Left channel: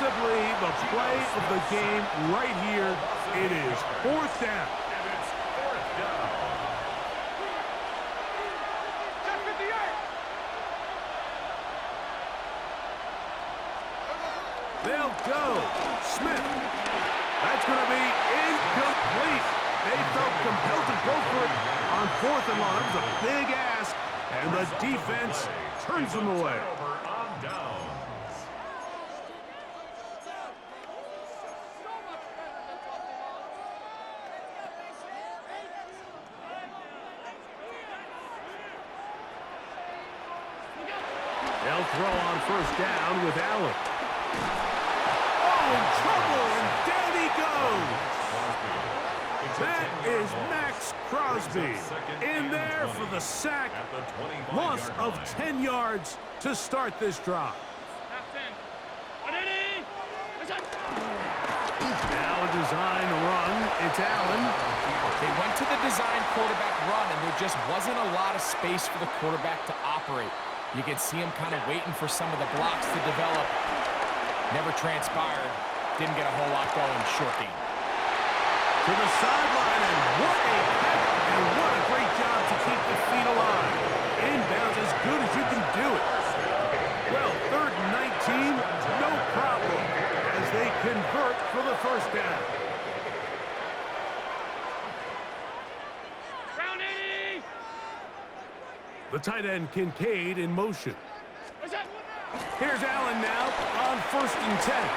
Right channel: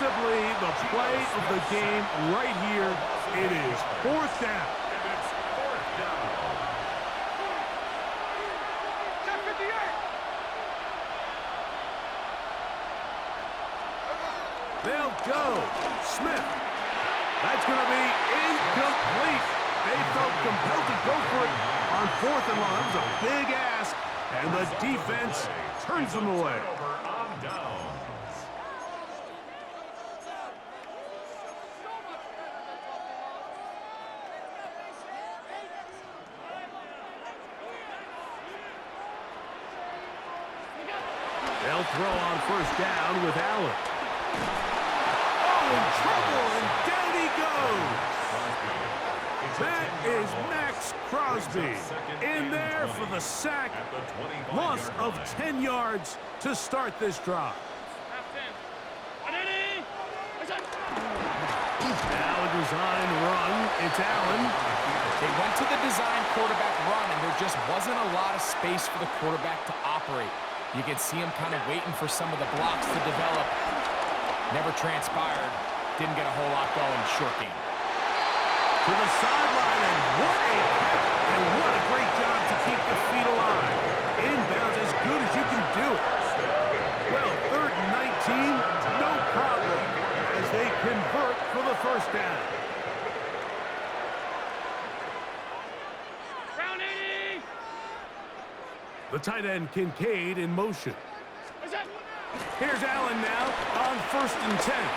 possibly the play of the game right here. It is 4th down. And it's 4th down. They'll go. Smith. That's going to be incomplete. They felt compelled to go for it on 4th and long. That was a big ask, and the defense turns them away. On downs. They'll throw on 1st down with Allen. Oh, in trouble, and down he goes. That is Max Crosby in there for the sack. Loss of 10 yards to start this drive. Now a design run. It's Allen. They went to the design quarterback run, and there just wasn't a lot of space for the quarterback to operate. You could see him kind of waiting for some of the blocks to develop. Never transpired. Didn't get a whole lot going. Short game. To the sideline, and what a catch, and what a great job to keep the feet alive. Inbounds as good as you can do it. Well, 3rd and 19, no problem, as they convert for the 1st down. Round 80! The tight end, Kincaid, in motion. Here's Allen now on 1st and 10.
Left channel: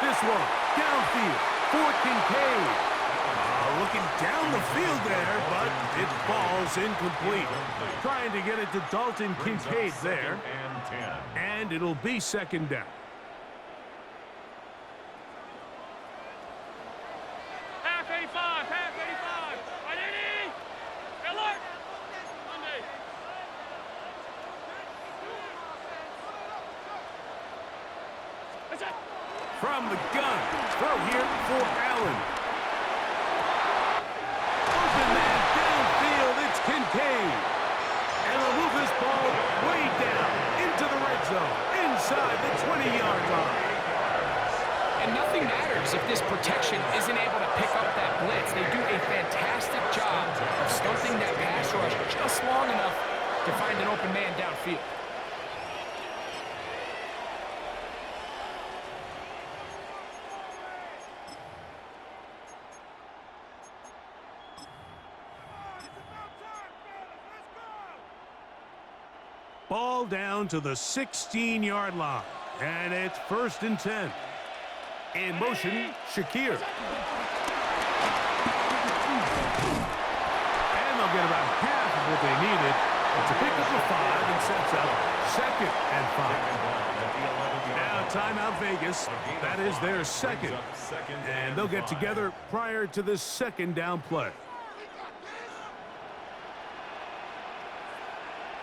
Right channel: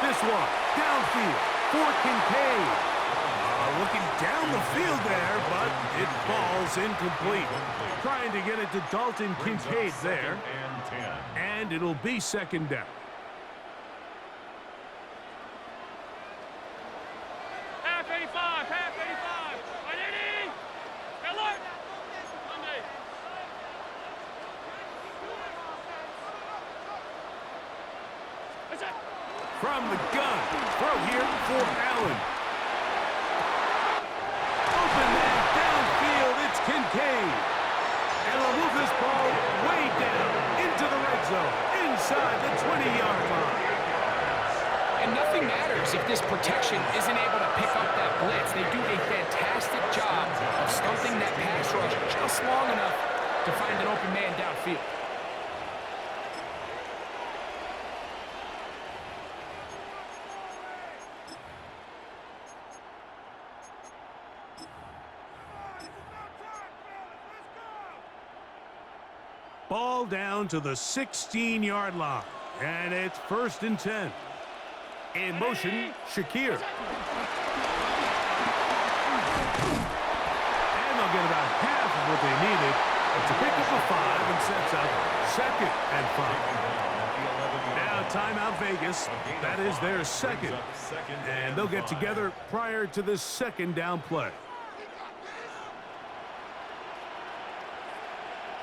This one, downfield for Kincaid. Looking down the field there, but it falls incomplete. Trying to get it to Dalton Kincaid there. And it'll be 2nd down. Half 85, half 85. 180. Alert. Monday. From the gun, throw here for Allen. Open man downfield, it's Kincaid. And they'll move this ball way down into the red zone, inside the 20-yard line. And nothing matters if this protection isn't able to pick up that blitz. They do a fantastic job of stumping that pass rush just long enough to find an open man downfield. Ball down to the 16-yard line, and it's 1st and 10. In motion, Shakir. And they'll get about half of what they needed. It's a pickup of 5 and sets up 2nd and 5. Now timeout Vegas. That is their 2nd. And they'll get together prior to this 2nd down play.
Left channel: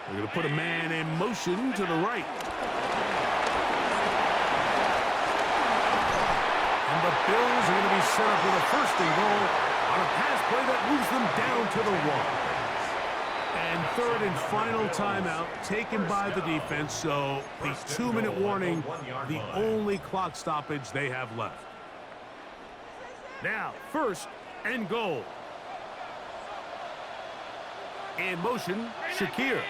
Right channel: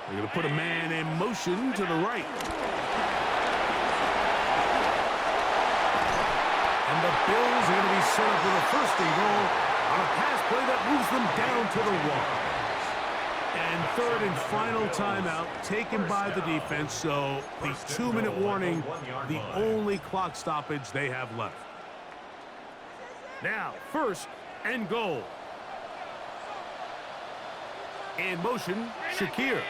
They're going to put a man in motion to the right. And the Bills are going to be set up with a 1st and goal on a pass play that moves them down to the 1. And 3rd and final timeout taken by the defense, so the 2-minute warning, the only clock stoppage they have left. Now, 1st and goal. In motion, Shakir.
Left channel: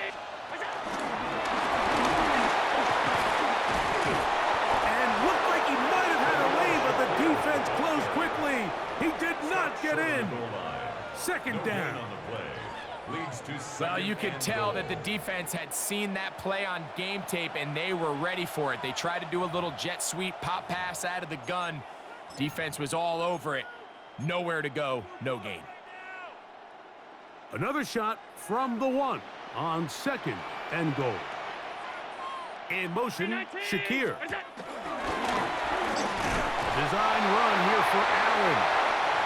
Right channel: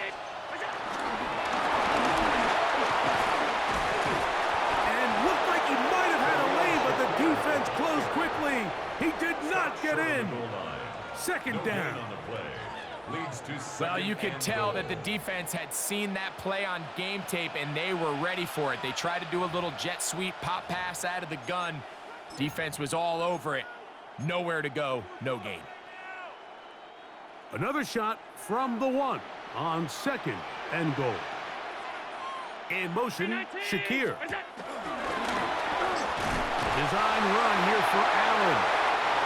And looked like he might have had a lane, but the defense closed quickly. He did not get in. 2nd down. Well, you could tell that the defense had seen that play on game tape, and they were ready for it. They tried to do a little jet sweep pop pass out of the gun. Defense was all over it. Nowhere to go, no gain. Another shot from the 1 on 2nd and goal. In motion, Shakir. A design run here for Allen.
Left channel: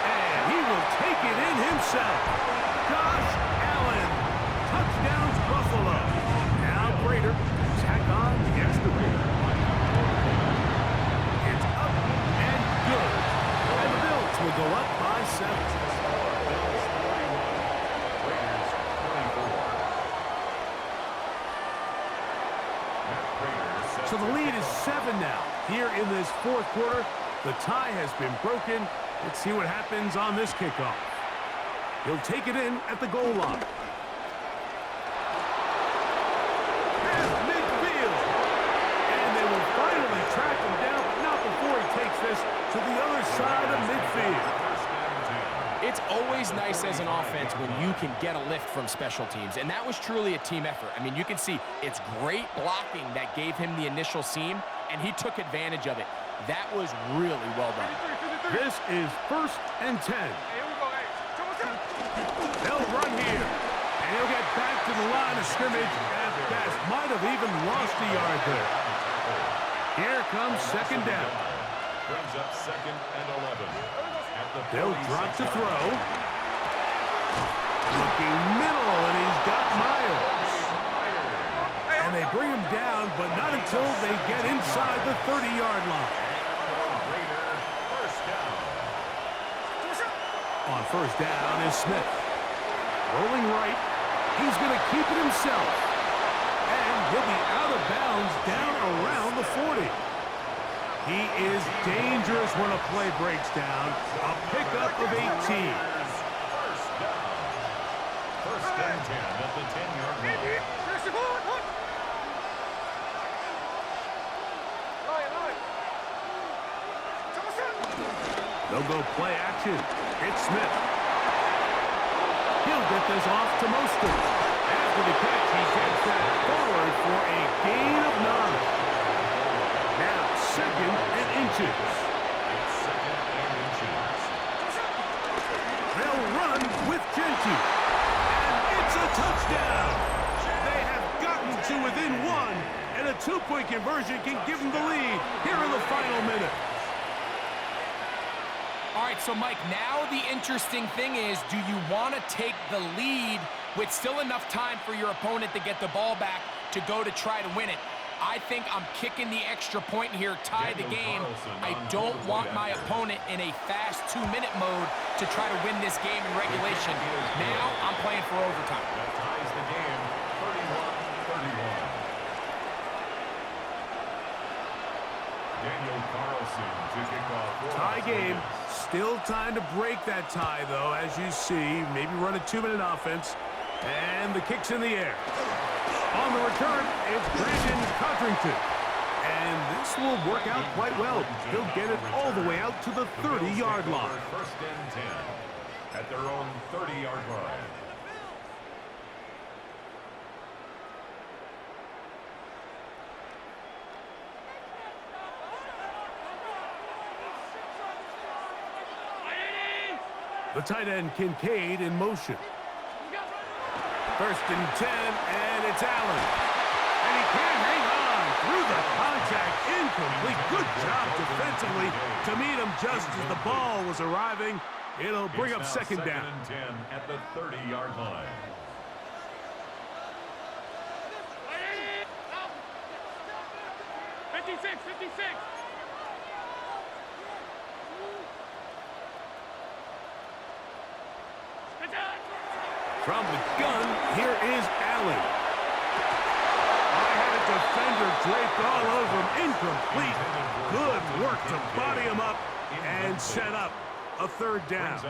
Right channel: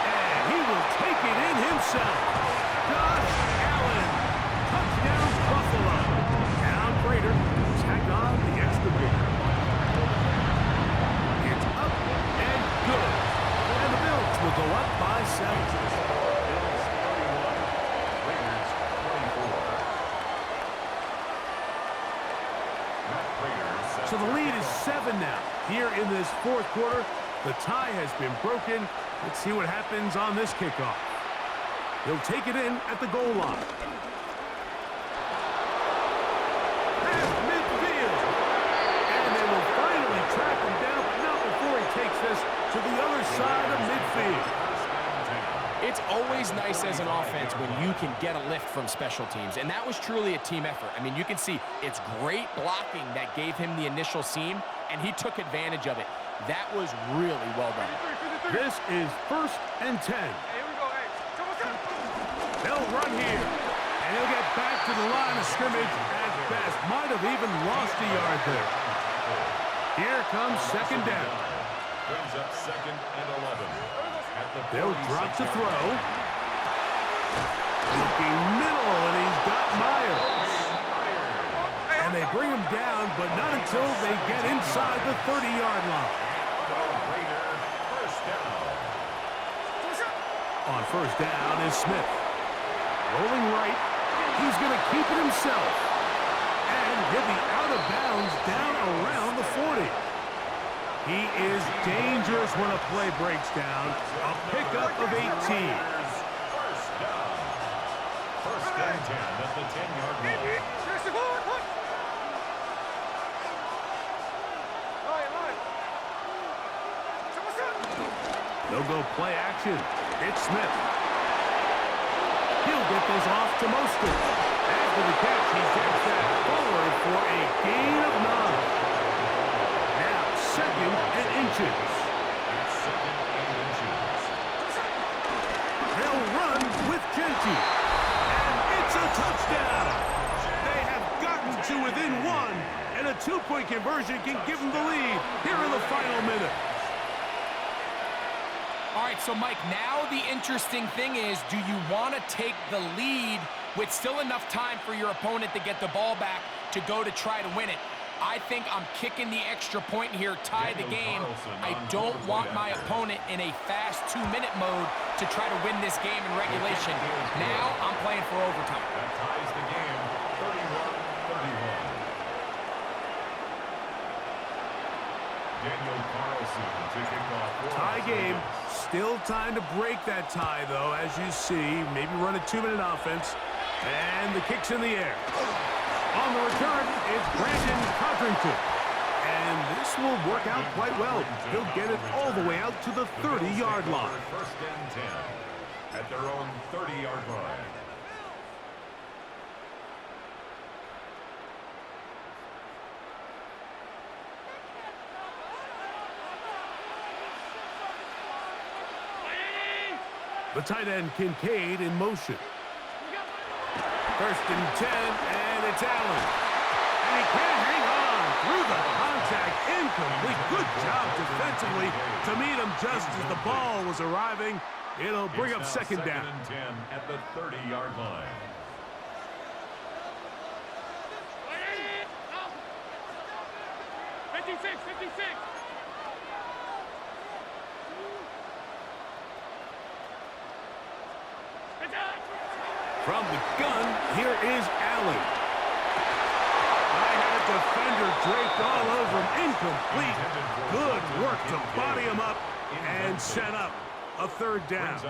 And he will take it in himself. Josh Allen. Touchdowns, Buffalo. Now Prater to tack on the extra point. It's up and good. And the Bills will go up by 7. So the lead is 7 now. Here in this fourth quarter, the tie has been broken. Let's see what happens on this kickoff. He'll take it in at the goal line. Past midfield. And they will finally track him down, but not before he takes this to the other side of midfield. It's always nice as an offense when you can get a lift from special teams, and that was truly a team effort. I mean, you can see it's great blocking that gave him the initial seam, and he took advantage of it. That was really well done. This is 1st and 10. They'll run here, and he'll get back to the line of scrimmage at best. Might have even lost a yard there. Here comes 2nd down. Brings up 2nd and 11. They'll drop to throw. Looking middle, and he's got Myers. And they bring him down, but not until they get inside the 30-yard line. First down. On 1st down is Smith. Rolling right. He's going to keep it himself. And he'll be out of bounds down around the 40. He is dangerous when a play breaks down. A pickup of 18. First down. 1st and 10 at the 10-yard line. They'll go play action. It's Smith. He'll get this off to Mostert. After the catch, he gets that forward for a gain of 9. Now, 2nd and inches. It's 2nd and inches. They'll run with Genty. And it's a touchdown. They have gotten to within 1, and a 2-point conversion can give them the lead here in the final minute. All right, so Mike, now the interesting thing is, do you want to take the lead with still enough time for your opponent to get the ball back to go to try to win it? I think I'm kicking the extra point here, tie the game. I don't want my opponent in a fast 2-minute mode to try to win this game in regulation. Now I'm playing for overtime. That ties the game, 31-31. Daniel Carlson to kick off. Tie game. Still time to break that tie, though, as you see. Maybe run a 2-minute offense. And the kick's in the air. On the return, it's Brandon Codrington. And this will work out quite well. He'll get it all the way out to the 30-yard line. 1st and 10 at their own 30-yard line. The tight end, Kincaid, in motion. 1st and 10, and it's Allen. And he can't hang on through the contact. Incomplete. Good job defensively to meet him just as the ball was arriving. It'll bring up 2nd down. 2nd and 10 at the 30-yard line. From the gun, here is Allen. I had a defender draped all over him. Incomplete. Good work to body him up and set up a 3rd down.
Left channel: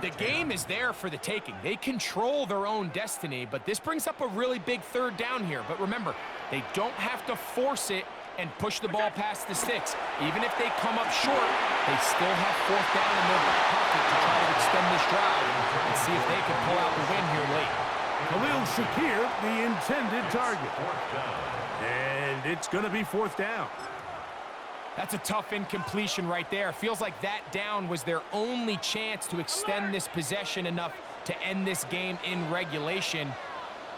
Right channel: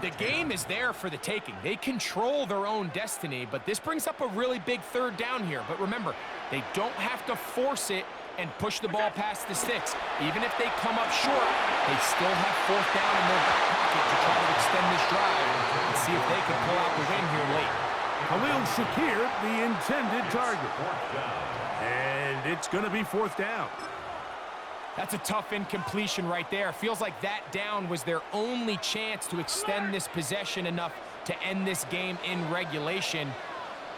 The game is there for the taking. They control their own destiny, but this brings up a really big 3rd down here. But remember, they don't have to force it and push the ball past the sticks. Even if they come up short, they still have 4th down in their back pocket to try to extend this drive and see if they can pull out the win here late. Khalil Shakir, the intended target. And it's going to be 4th down. That's a tough incompletion right there. Feels like that down was their only chance to extend this possession enough to end this game in regulation.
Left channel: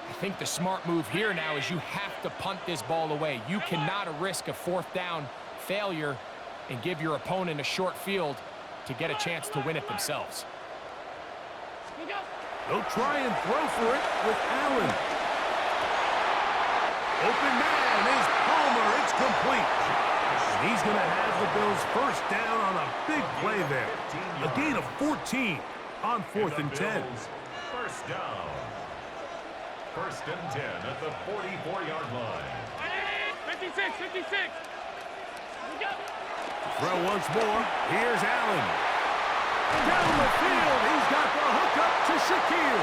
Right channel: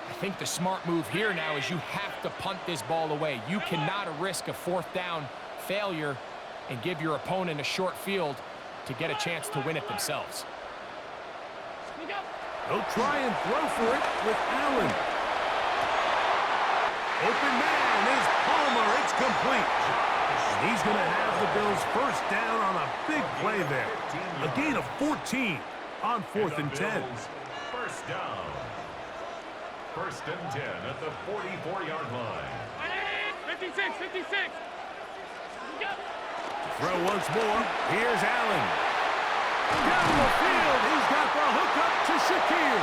I think the smart move here now is you have to punt this ball away. You cannot risk a 4th down failure and give your opponent a short field to get a chance to win it themselves. They'll try and throw for it with Allen. Open man is Palmer. It's complete. And he's going to have the Bills 1st down on a big play there. A gain of 14 on 4th and 10. 1st down. 1st and 10 at the 44-yard line. 56, 56. Throw once more. Here's Allen. Down the field. He's got the hookup to Shakir.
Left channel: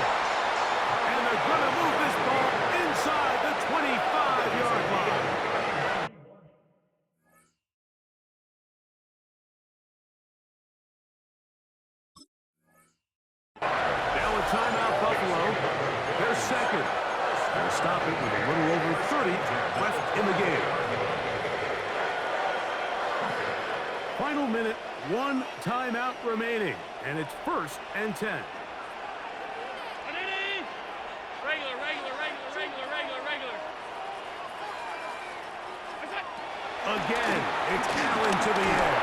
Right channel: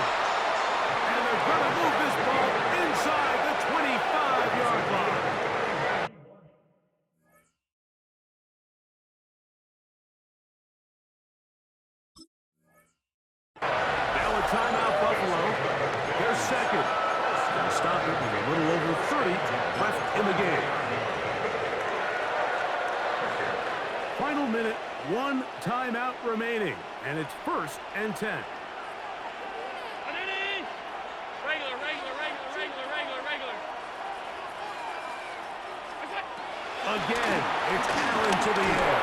And they're going to move this ball inside the 25-yard line. Now a timeout, Buffalo. They're second. They'll stop it with a little over 30 left in the game. Final minute, one timeout remaining, and it's 1st and 10. Regular, regular, regular, regular, regular, regular. Again, it's Allen to the air.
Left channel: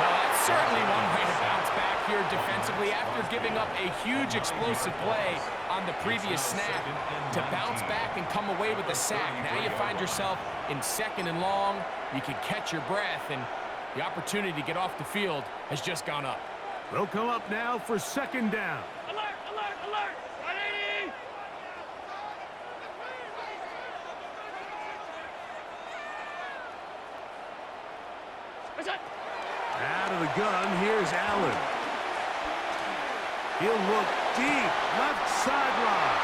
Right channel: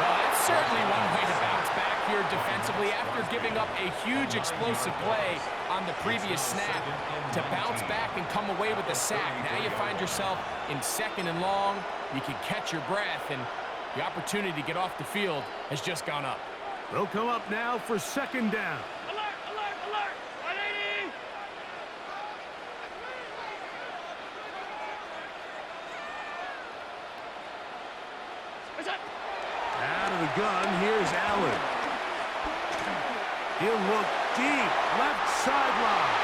Well, that's certainly one way to bounce back here defensively after giving up a huge explosive play on the previous snap. To bounce back and come away with a sack. Now you find yourself in 2nd and long. You can catch your breath, and the opportunity to get off the field has just gone up. They'll come up now for 2nd down. Alert, alert, alert. 180. Out of the gun, here's Allen. He'll look deep, left sideline.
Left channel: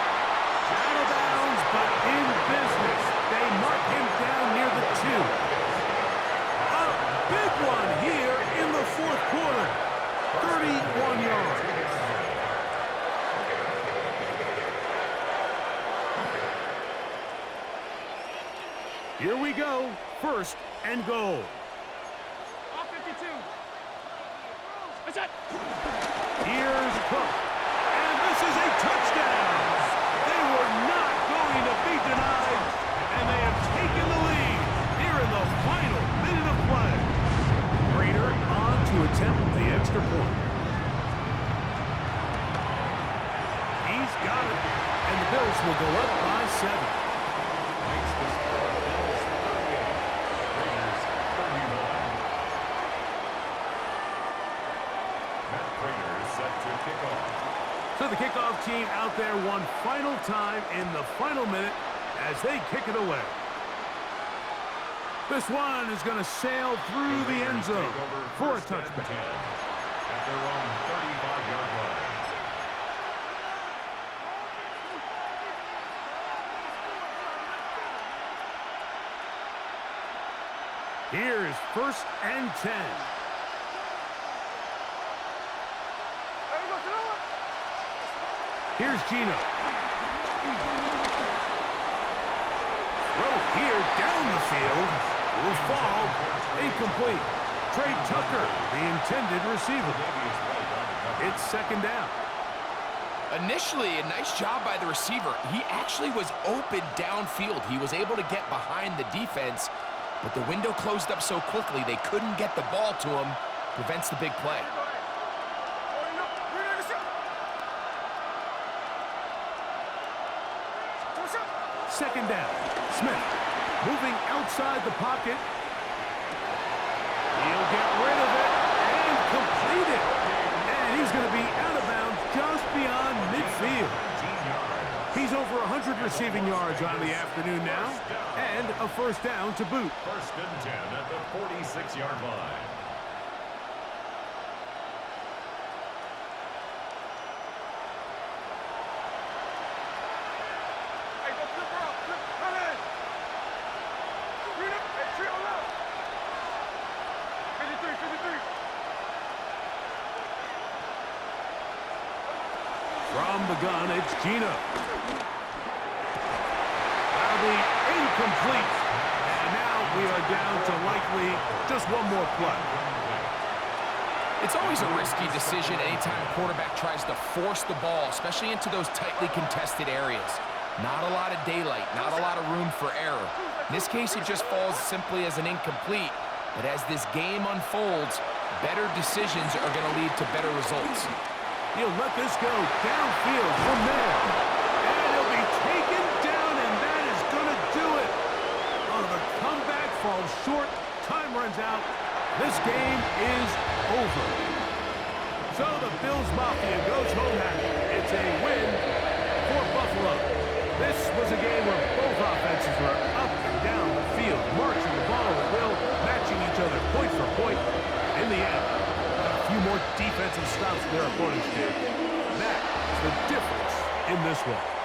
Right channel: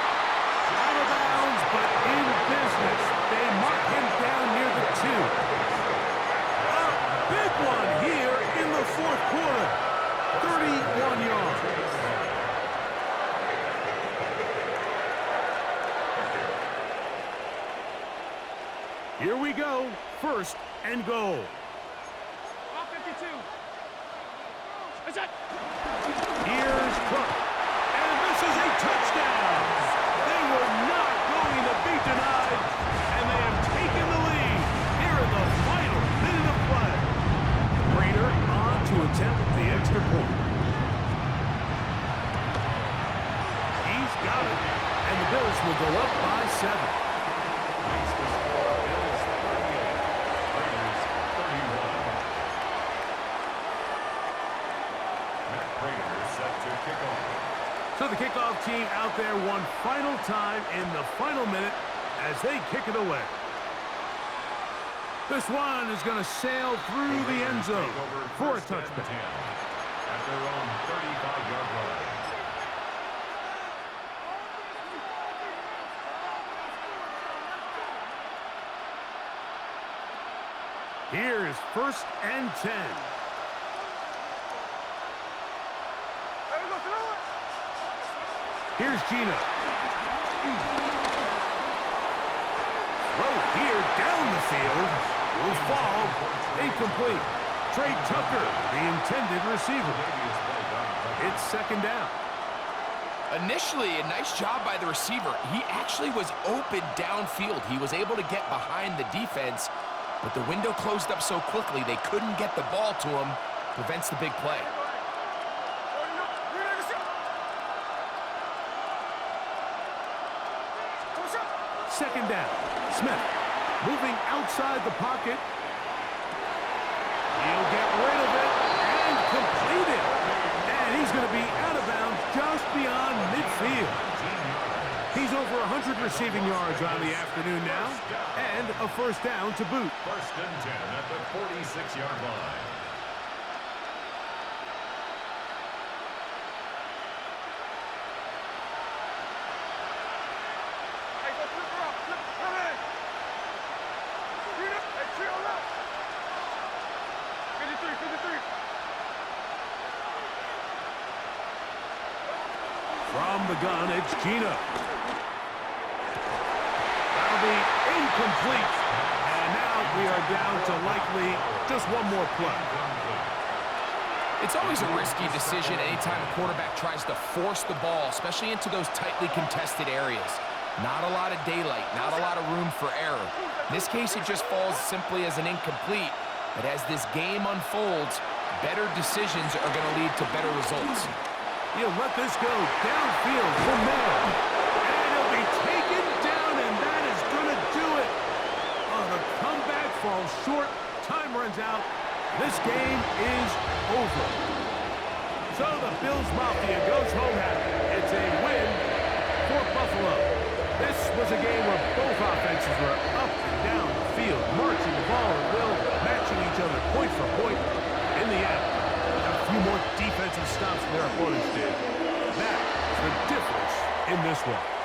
Out of bounds, but in business. They mark him down near the 2. A big one here in the 4th quarter. 31 yards. Here we go. 1st and goal. Off 52. Here's Cook. And this is a touchdown. They were not going to be denied. And they have taken the lead here in the final minute of play. Prater on to attempt the extra point. He's got it. And the Bills will go up by 7. Makes the score Bills 38, Raiders 31. Matt Prater set to kick off. So the kickoff team out there one final time in the final minute as they kick it away. This one is going to sail through the end zone for a touchback. 10 at their own 35-yard line. Here's 1st and 10. Here's Gino. Throw here down the field. Will fall. Incomplete. Trey Tucker, the intended receiver. It's 2nd down. Initially, a nice job by the receiver. He actually was open downfield. He was able to get behind the defense, but the window closed up so quickly they couldn't get the ball to him. Prevents the big play. 2nd down. Smith moving outside the pocket. He'll get rid of it and complete it. And he's going to be out of bounds just beyond midfield. He's over 100 receiving yards on the afternoon now, and a 1st down to boot. 1st and 10 at the 46-yard line. Hey, go flip her up. Flip. Run in. Green up. Hey, tree on left. 53, 53. From the gun, it's Gino. That'll be incomplete. And now we are down to likely just one more play. It's always a risky decision anytime a quarterback tries to force the ball, especially into those tightly contested areas. Not a lot of daylight, not a lot of room for error. In this case, it just falls simply as an incomplete. But as this game unfolds, better decisions are going to lead to better results. He'll let this go downfield from there. And he'll be taken down, and that is going to do it. Oh, the comeback falls short. Time runs out. This game is over. So the Bills Mafia goes home happy. It's a win for Buffalo. This was a game where both offenses were up and down the field, marching the ball at will, matching each other point for point. In the end, got a few more defensive stops than their opponents did. That is the difference in this one.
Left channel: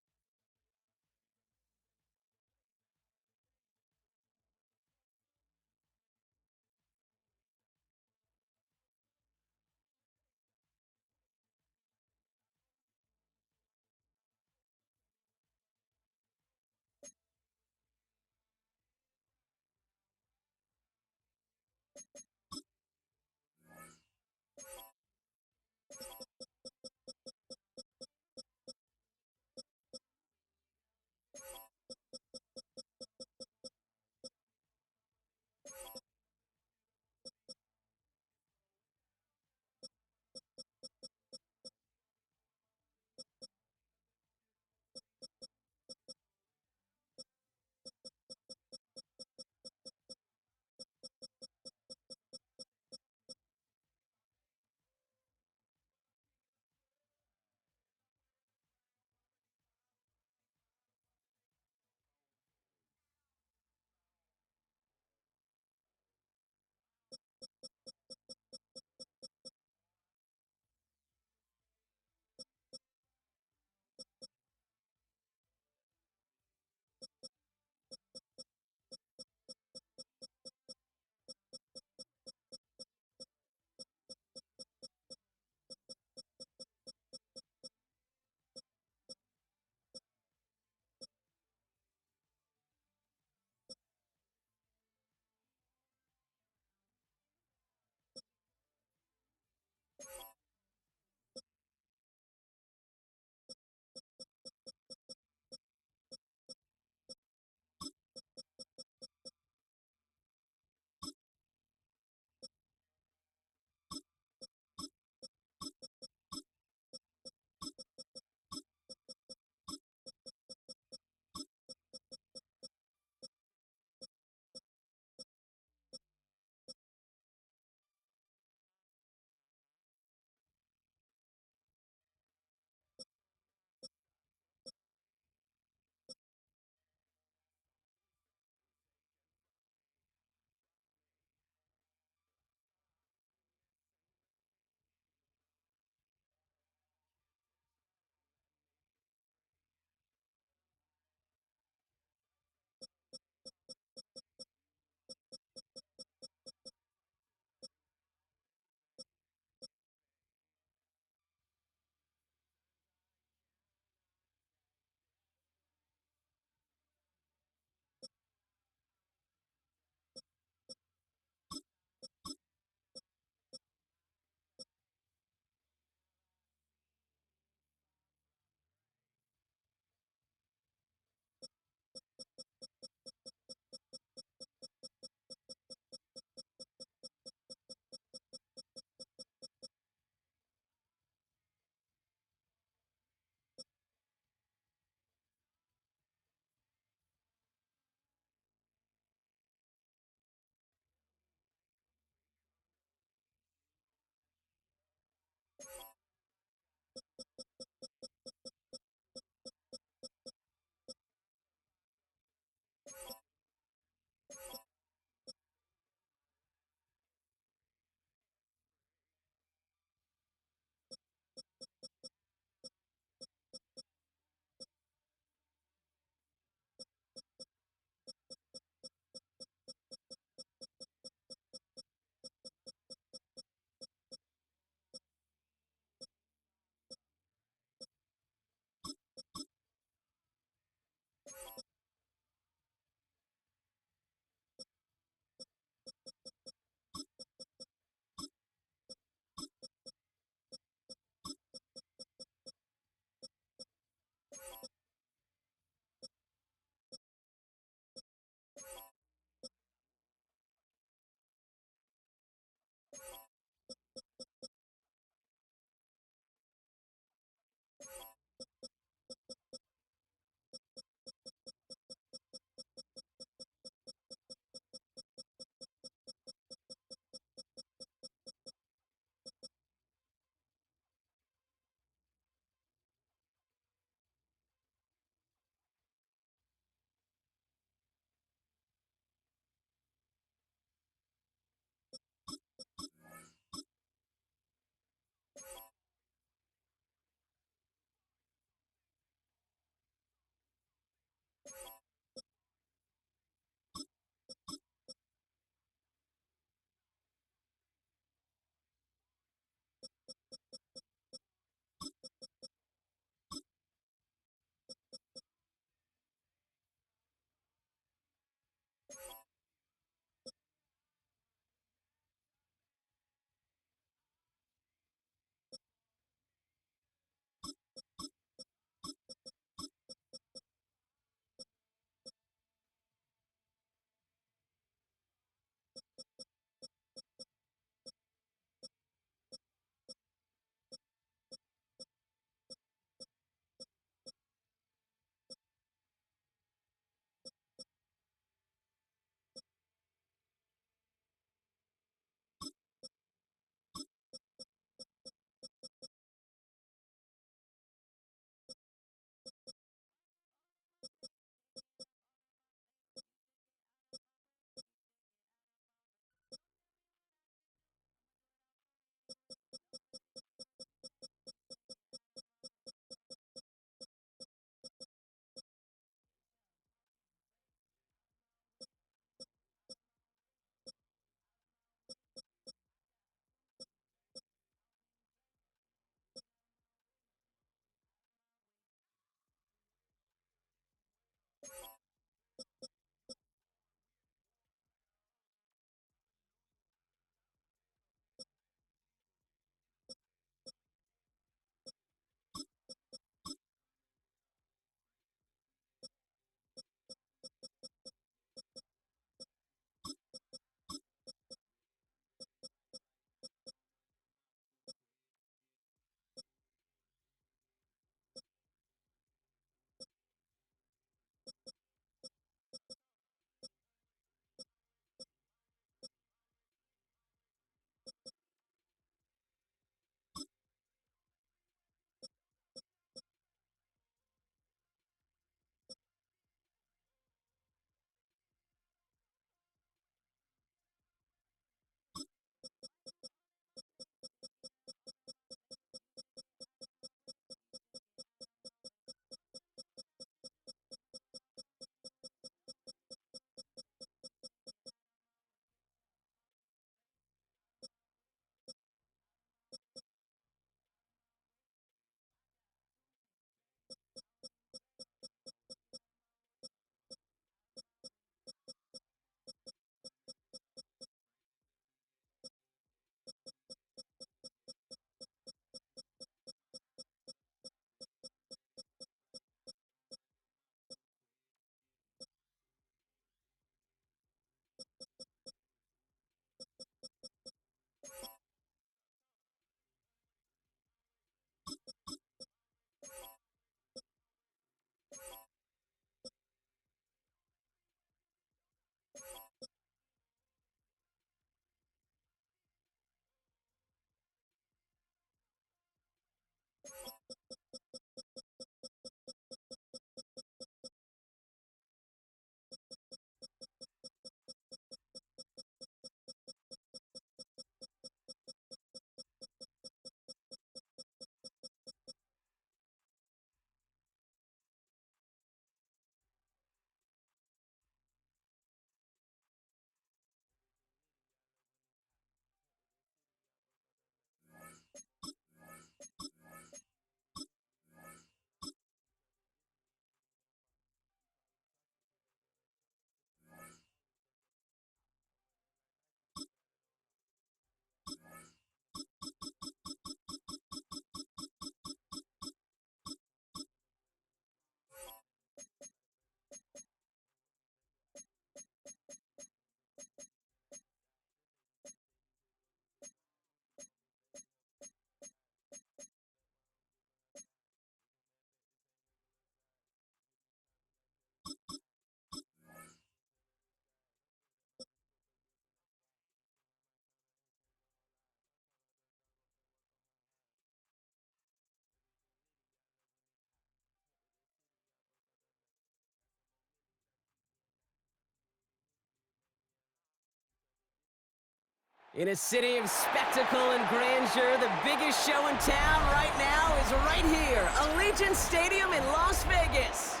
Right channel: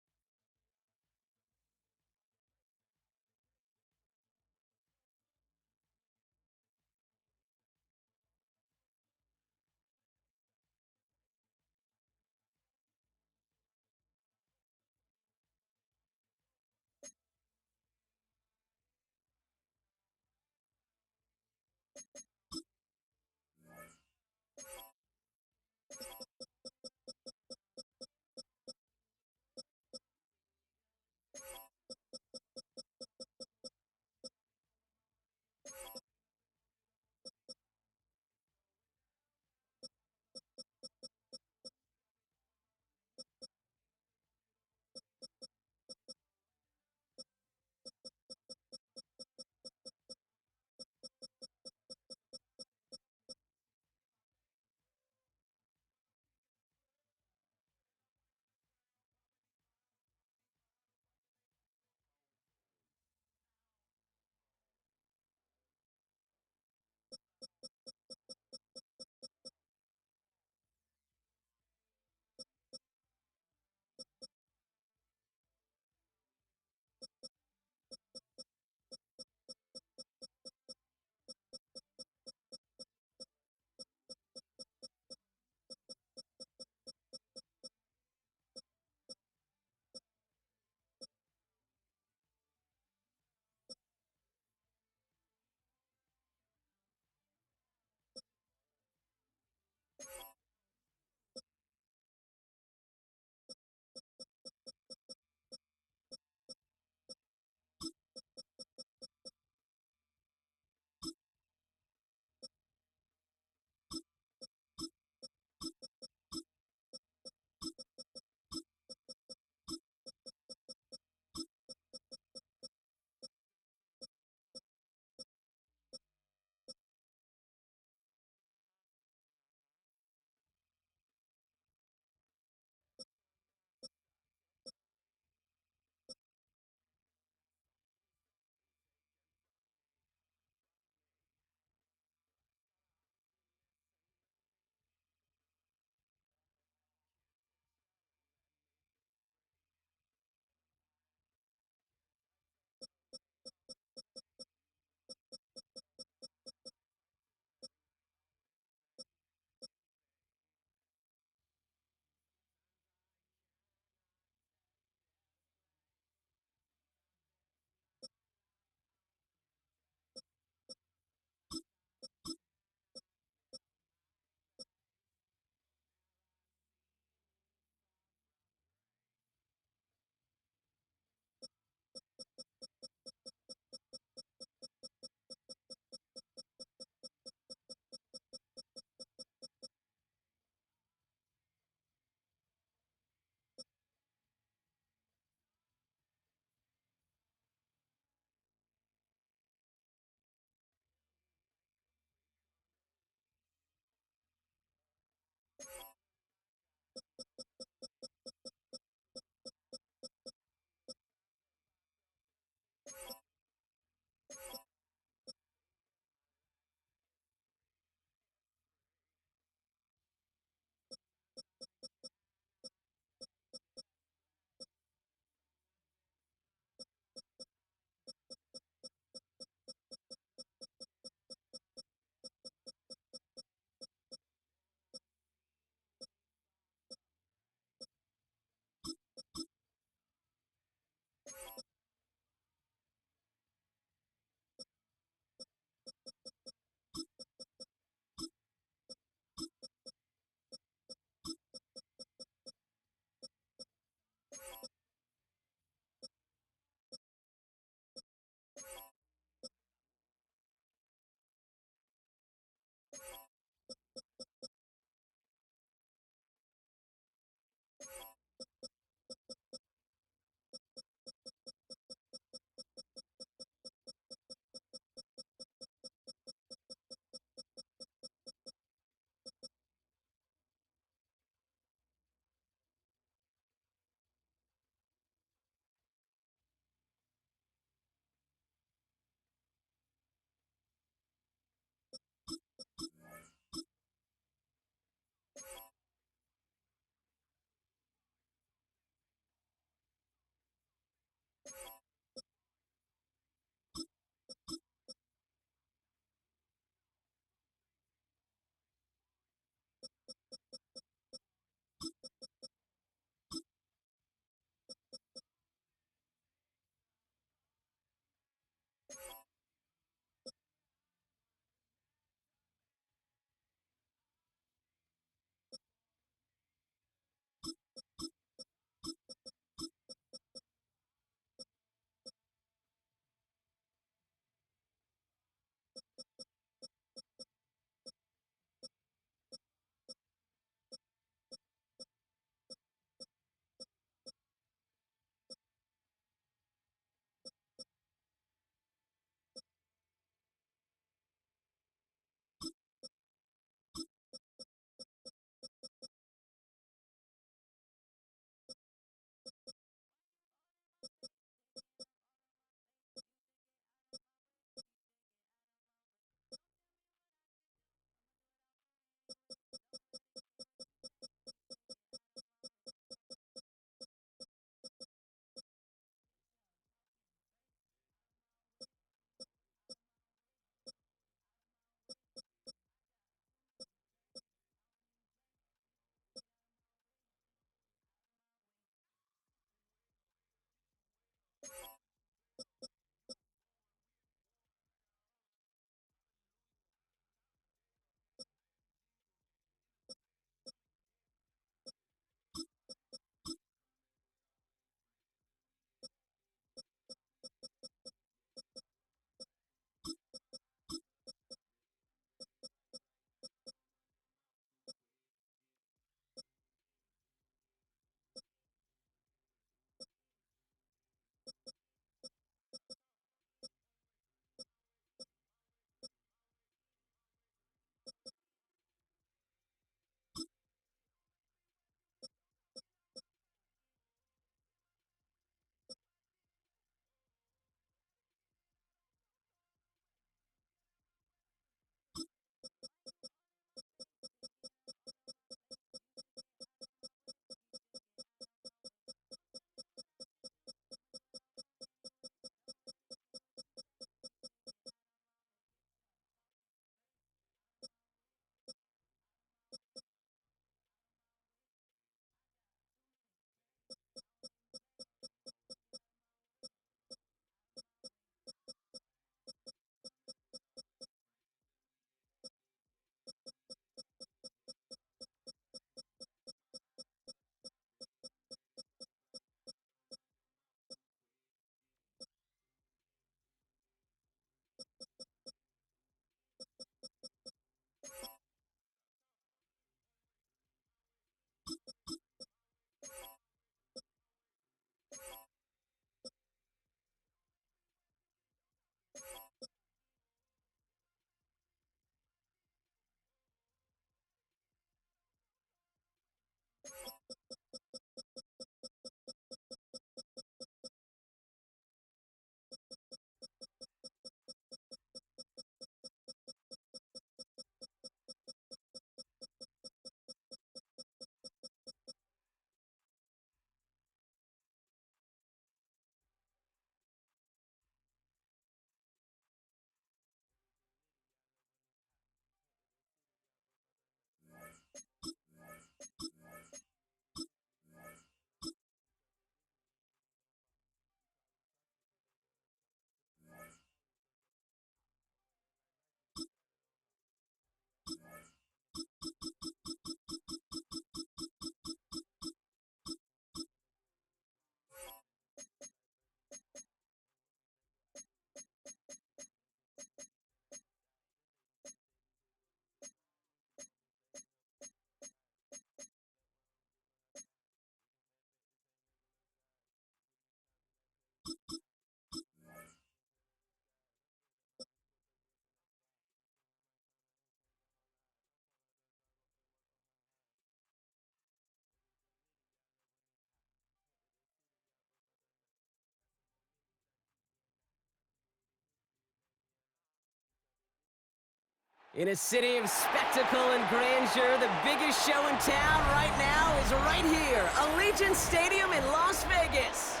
In a city of spectacle and grandeur, the biggest show in town right now is right here, Allegiant Stadium in Las Vegas.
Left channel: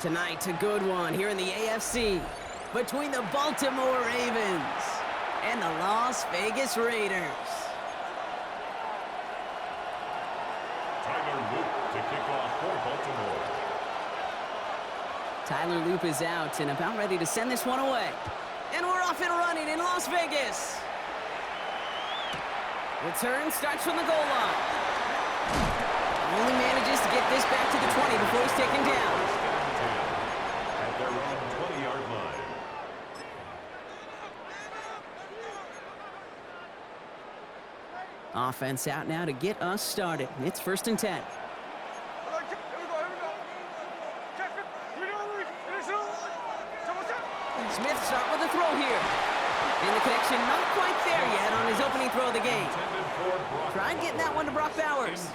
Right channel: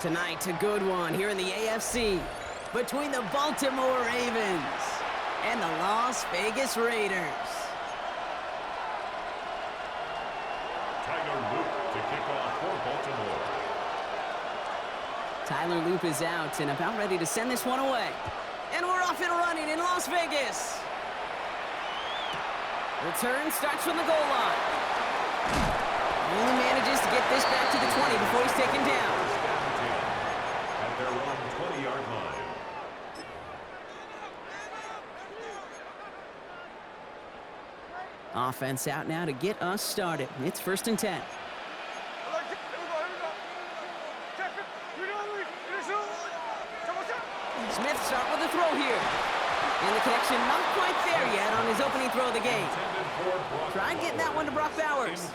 Tonight, a good one here in the AFC between the Baltimore Ravens and the Las Vegas Raiders. Tyler Luke to kick off for Baltimore. Tyler Loop is out and about ready to send this one away. And we're off and running in Las Vegas. Return starts from the goal line. Only manages to get this back to the 20 before he's taken down. First down 10 at their own 20-yard line. Offense out now to get us started. It's 1st and 10. Smith start with a throw here. And the connection not quite there yet on his opening throw of the game. Tried getting that one to Brock Bowers.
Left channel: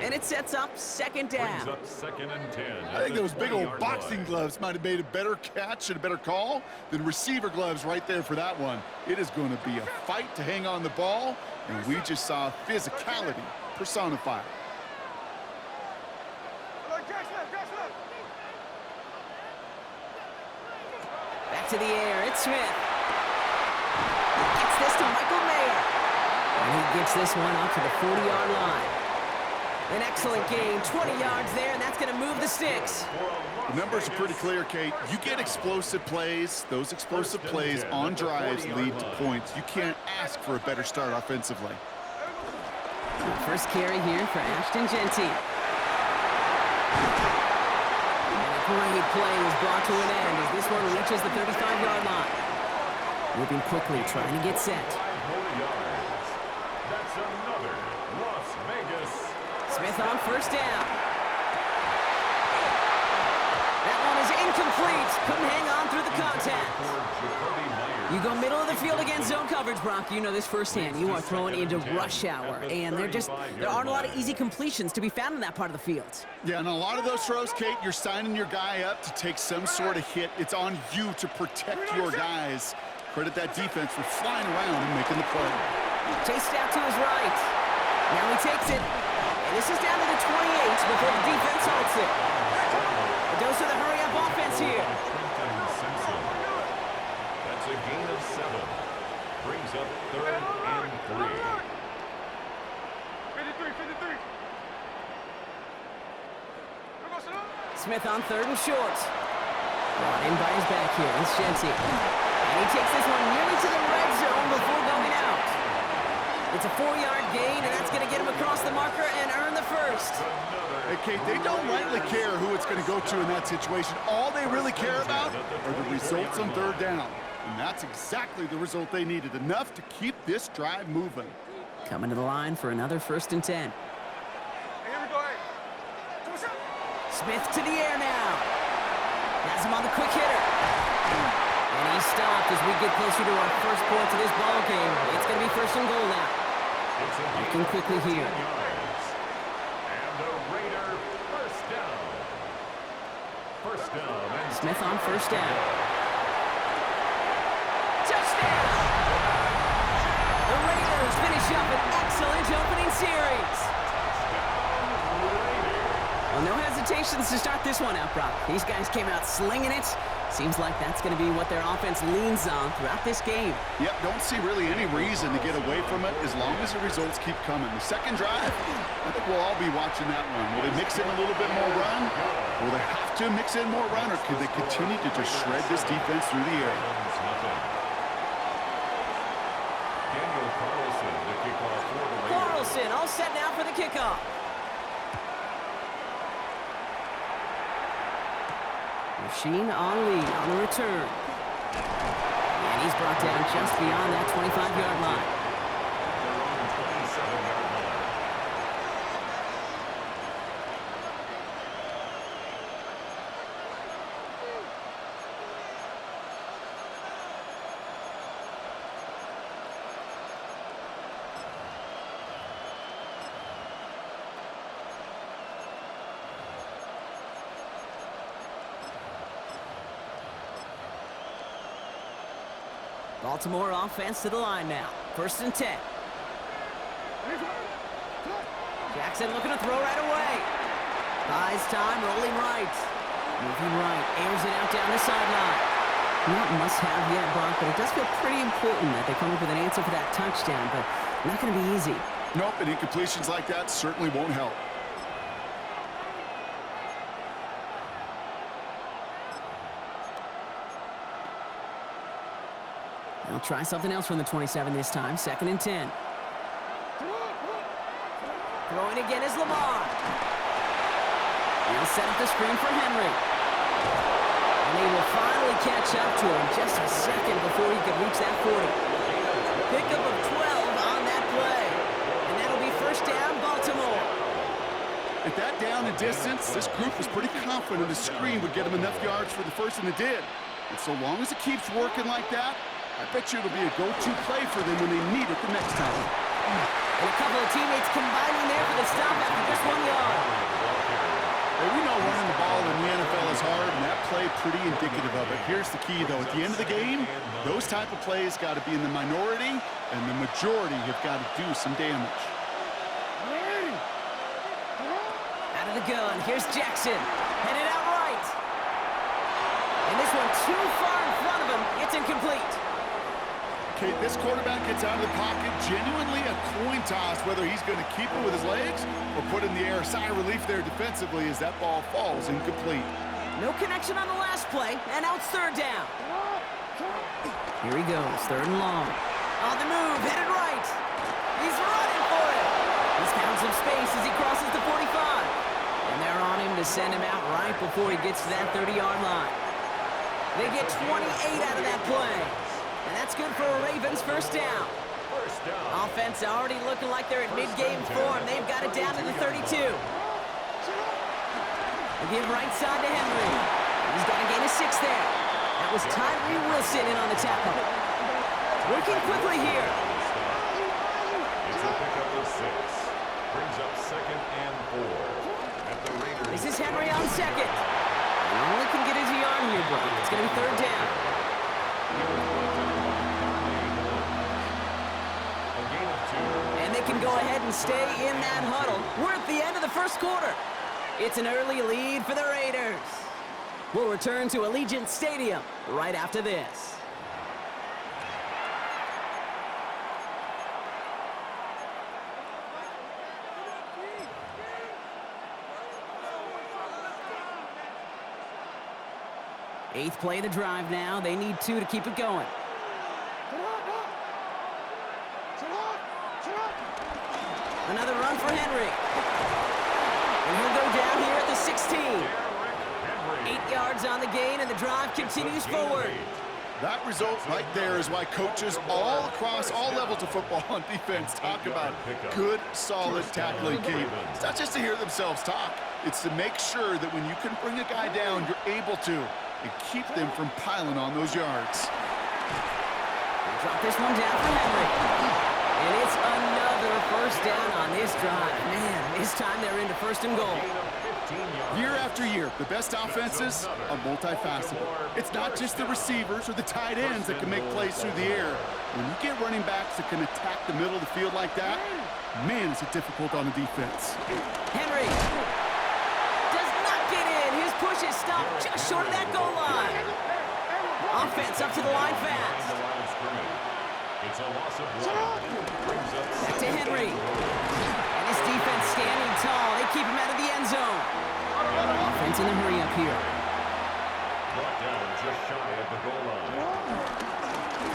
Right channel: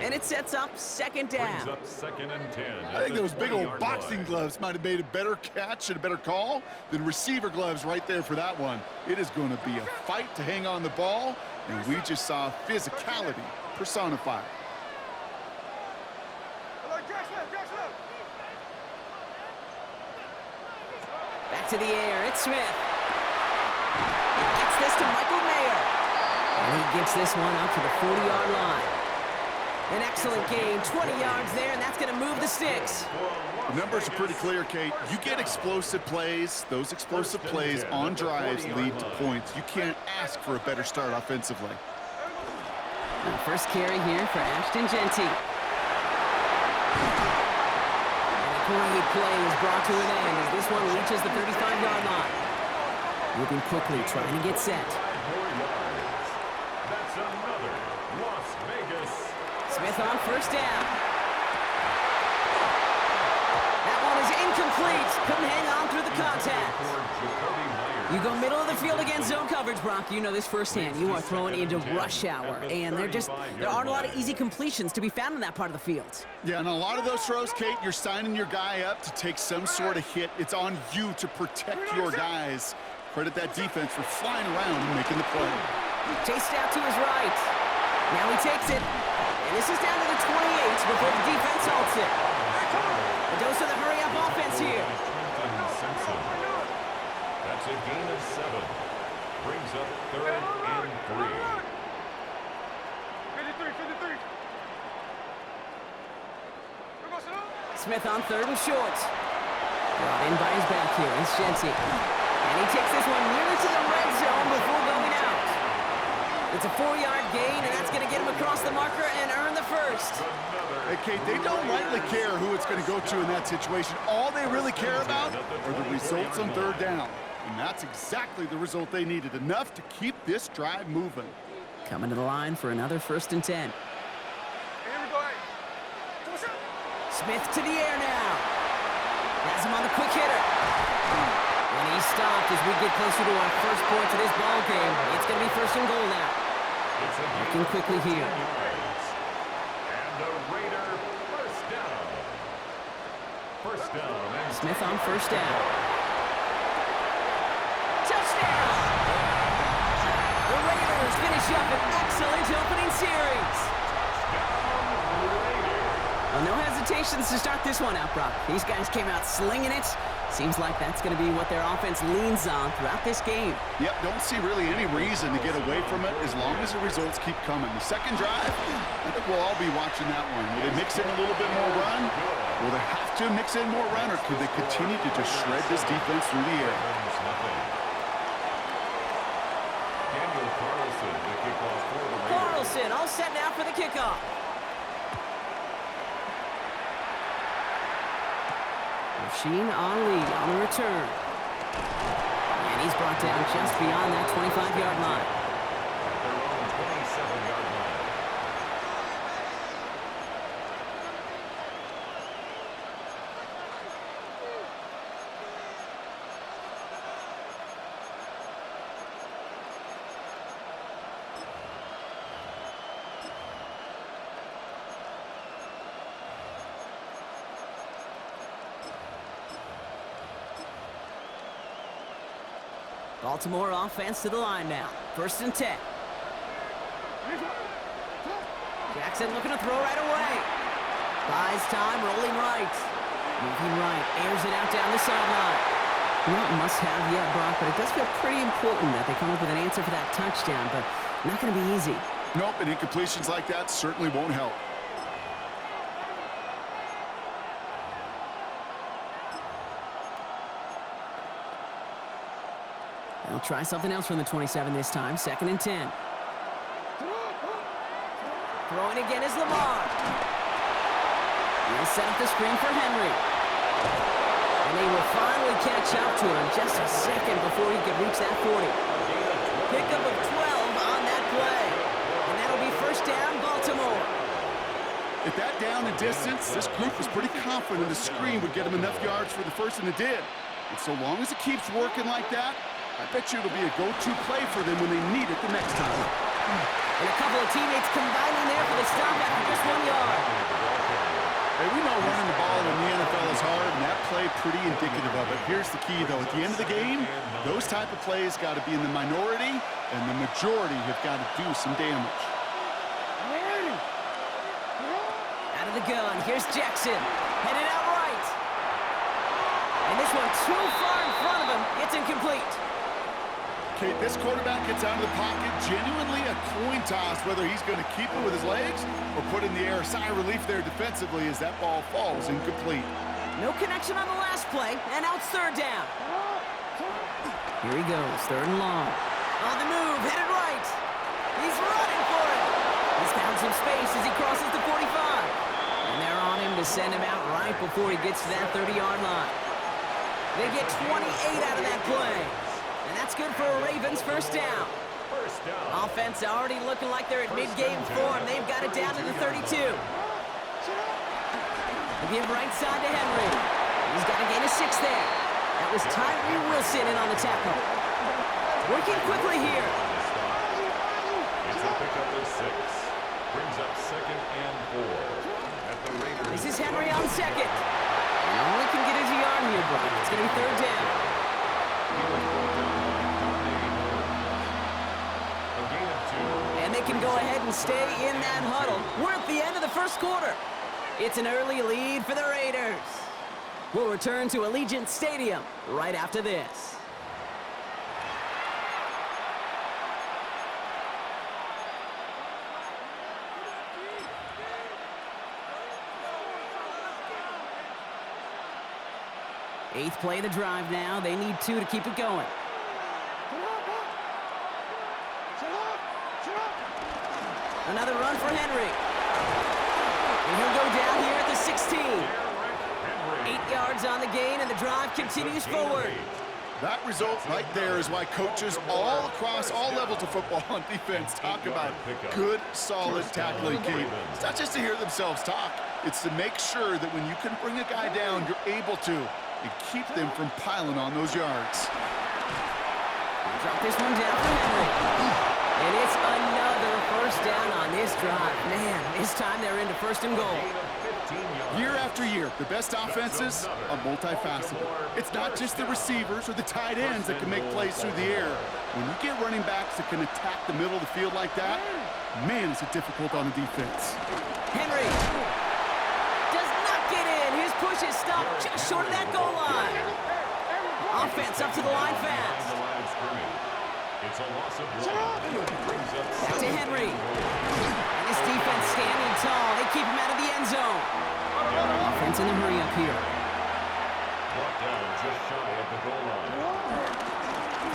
And it sets up 2nd down. Brings up 2nd and 10. I think those big old boxing gloves might have made a better catch and a better call than receiver gloves right there for that one. It is going to be a fight to hang on the ball, and we just saw physicality personified. Back to the air, it's Smith. Gets this to Michael Mayer. And he gets this one up to the 40-yard line. An excellent gain, 20 yards there, and that's going to move the sticks. The numbers are pretty clear, Kate. You get explosive plays. Those explosive plays on drives lead to points. You can't ask for a better start offensively. First carry here for Ashton Genty. And a great play is brought to an end as this one reaches the 35-yard line. Moving quickly, trying to get set. 5 more yards. That's another Las Vegas. Smith on 1st down. That one is incomplete. Couldn't hang on through the contact. You go middle of the field against zone coverage, Brock. You know this firsthand. You are throwing into rush hour, and there aren't a lot of easy completions to be found in that part of the field. Yeah, and a lot of those throws, Kate, you're signing your guy up to take some sort of hit. It's on you to protect your guys. Credit that defense for flying around and making the play. Chased out to his right. Now he takes it. And this is down to the 28 before the defense halts it. A dose of the hurry-up offense here. That's a gain of 7. Brings up 3rd and 3. 53. Smith on 3rd and short. Brought in by his back here. It's Genty. And he takes this one nearly to the red zone before going out. It's a 4-yard gain, and that's going to get him across the marker and earn the first. Hey, Kate, they don't rightly care who it's going to go to in that situation. All they really care about are the results on 3rd down. And that's exactly the result they needed, enough to keep this drive moving. Coming to the line for another 1st and 10. Smith to the air now. Has him on the quick hitter. And he's stopped as we get closer to our first points of this ball game. It's going to be 1st and goal now. Looking quickly here. And a Raider 1st down. 1st down. And Smith on 1st down. Touchdown! The Raiders finish up an excellent opening series. Well, no hesitations to start this one out, Brock. These guys came out slinging it. Seems like that's going to be what their offense leans on throughout this game. Yep, don't see really any reason to get away from it as long as the results keep coming. The second drive, I think we'll all be watching that one. Will they mix in a little bit more run? Will they have to mix in more run, or could they continue to just shred this defense through the air? Daniel Carlson, the kickoff for the Raiders. Carlson all set now for the kickoff. Rasheen Ali on the return. And he's brought down just beyond that 25-yard line. At their own 27-yard line. Baltimore offense to the line now. 1st and 10. Jackson looking to throw right away. Buys time, rolling right. Moving right, airs it out down the sideline. Not must-have yet, Brock, but it does feel pretty important that they come up with an answer for that touchdown, but not going to be easy. Nope, and incompletions like that certainly won't help. They'll try something else from the 27 this time. 2nd and 10. Throwing again is Lamar. He'll set up the screen for Henry. And they will finally catch up to him just a second before he could reach that 40. Pickup of 12 on that play. And that'll be 1st down, Baltimore. At that down and distance, this group was pretty confident the screen would get them enough yards for the first, and it did. And so long as it keeps working like that, I bet you it'll be a go-to play for them when they need it the next time. And a couple of teammates combining there for the stop after just 1 yard. Hey, we know running the ball in the NFL is hard, and that play pretty indicative of it. Here's the key, though. At the end of the game, those type of plays got to be in the minority, and the majority have got to do some damage. Out of the gun, here's Jackson. Headed out right. And this one too far in front of him. It's incomplete. Okay, this quarterback gets out of the pocket, genuinely a coin toss, whether he's going to keep it with his legs or put in the air. Sigh of relief there defensively as that ball falls incomplete. No connection on the last play, and now it's 3rd down. Here he goes, 3rd and long. On the move, headed right. He's running for it. He's found some space as he crosses the 45. And they're on him to send him out right before he gets to that 30-yard line. They get 28 out of that play. And that's good for a Ravens 1st down. Offense already looking like they're in mid-game form. They've got it down to the 32. They give right side to Henry. He's got to gain a 6 there. That was Tyree Wilson in on the tackle. Working quickly here. It's a pickup of 6. Brings up 2nd and 4. At the Raiders. This is Henry on 2nd. And all he can get is a yard here, Brock. It's going to be 3rd down. And they can go ahead and stay in that huddle. We're at the end of the 1st quarter. It's an early lead for the Raiders. We'll return to Allegiant Stadium right after this. Eighth play of the drive now. They need 2 to keep it going. Another run for Henry. And he'll go down here at the 16. 8 yards on the gain, and the drive continues forward. That result right there is why coaches all across all levels of football on defense talk about good, solid tackling, Kate. It's not just to hear themselves talk. It's to make sure that when you can bring a guy down, you're able to, and keep them from piling on those yards. Drop this one down for Henry. And it's another 1st down on this drive. Man, this time they're into 1st and goal. Year after year, the best offenses are multifaceted. It's not just the receivers or the tight ends that can make plays through the air. When you get running backs that can attack the middle of the field like that, man, is it difficult on the defense. Henry does not get in. His push is stopped just short of that goal line. Offense up to the line fast. It's a loss of 1. Back to Henry. And his defense standing tall. They keep him out of the end zone. Offense in the hurry up here. Brought down just shy of the goal line.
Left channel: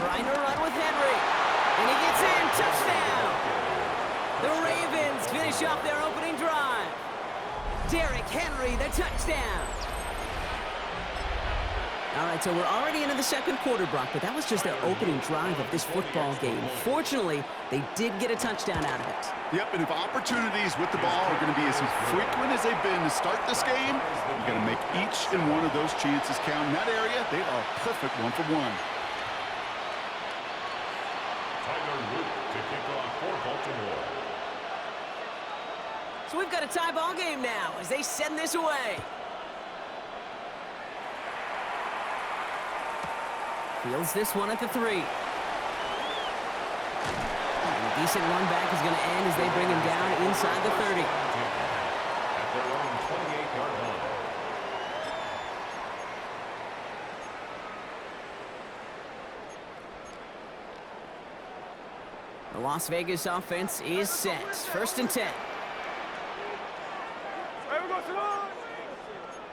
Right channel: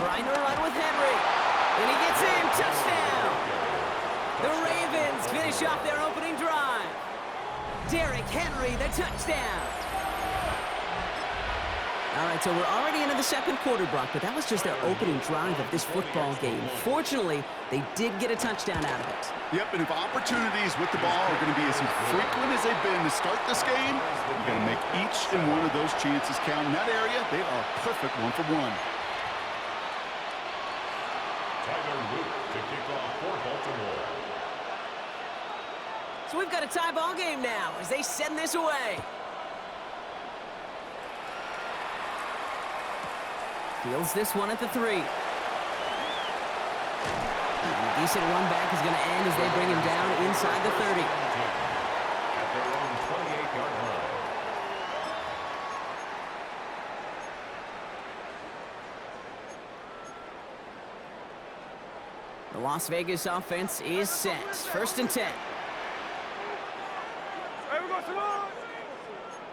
Trying to run with Henry. And he gets in. Touchdown. The Ravens finish off their opening drive. Derrick Henry, the touchdown. All right, so we're already into the 2nd quarter, Brock, but that was just their opening drive of this football game. Fortunately, they did get a touchdown out of it. Yep, and if opportunities with the ball are going to be as frequent as they've been to start this game, you got to make each and one of those chances count. In that area, they are perfect 1-for-1. Tyler Luke to kick off for Baltimore. So we've got a tie ball game now as they send this away. Fields this one at the 3. And a decent run back is going to end as they bring him down inside the 30. At their own 28-yard line. The Las Vegas offense is set. 1st and 10. Hey, we're going to sit up.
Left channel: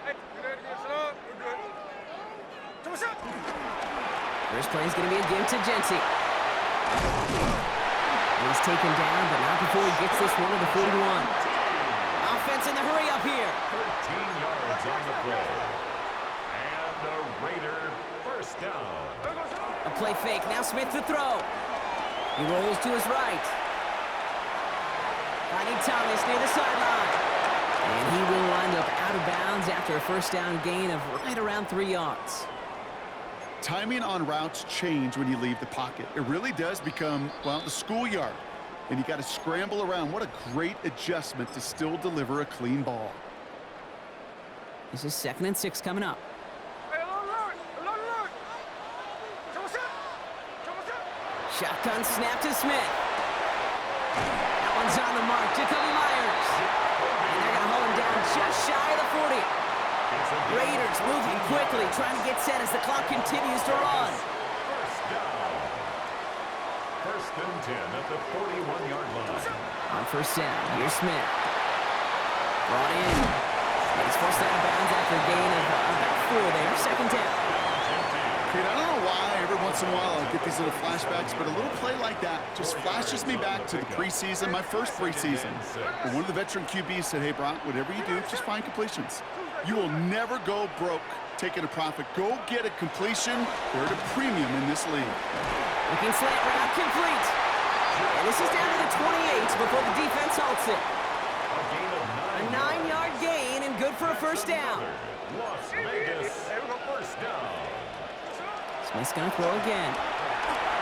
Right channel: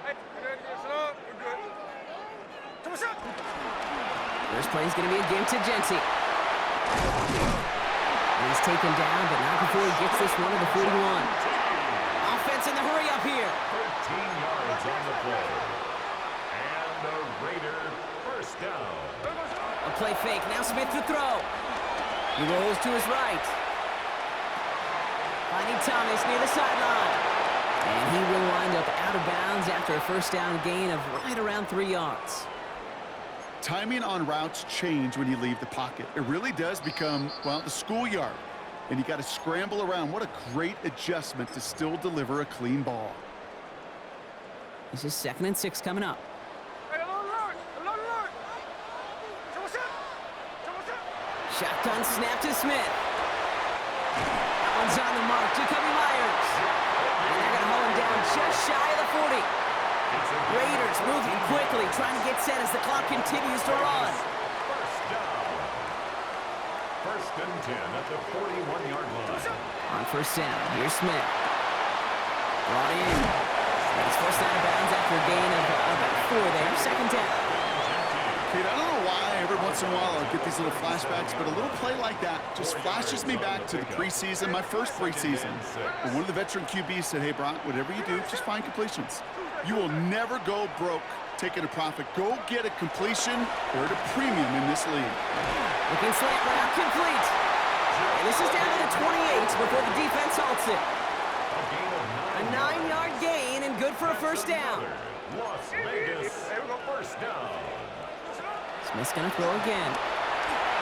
Hey, get ready to get sit up. We're good. Come on, shot. First play is going to be a give to Jency. And he's taken down, but not before he gets this one to the 41. Offense in the hurry up here. 13 yards on the play. And a Raider first down. A play fake. Now Smith to throw. He rolls to his right. Finding Thomas near the sideline. And he will wind up out of bounds after a first down gain of right around 3 yards. Timing on routes change when you leave the pocket. It really does become, well, the schoolyard. And you got to scramble around. What a great adjustment to still deliver a clean ball. This is 2nd and 6 coming up. Hey, alert. Come on, shot. Shotgun snap to Smith. That one's on the mark. Jacoby Myers. And they're going to hold him down just shy of the 40. Raiders moving quickly, trying to get set as the clock continues to run. First down. 1st and 10 at the 41-yard line. On first down, here's Smith. Brought in. And he's forced out of bounds after a gain of about 4 there. 2nd down. Kate, I don't know why every once in a while I'll get these little flashbacks, but a little play like that just flashes me back to the preseason, my first preseason. And one of the veteran QBs said, hey, Brock, whatever you do, just find completions. You will never go broke taking a profit. Go get a completion. They're at a premium in this league. Looking slant route complete. And this is down to the 28 before the defense halts it. A 9-yard gain and good for a first down. Las Vegas first down. Smith's going to throw again.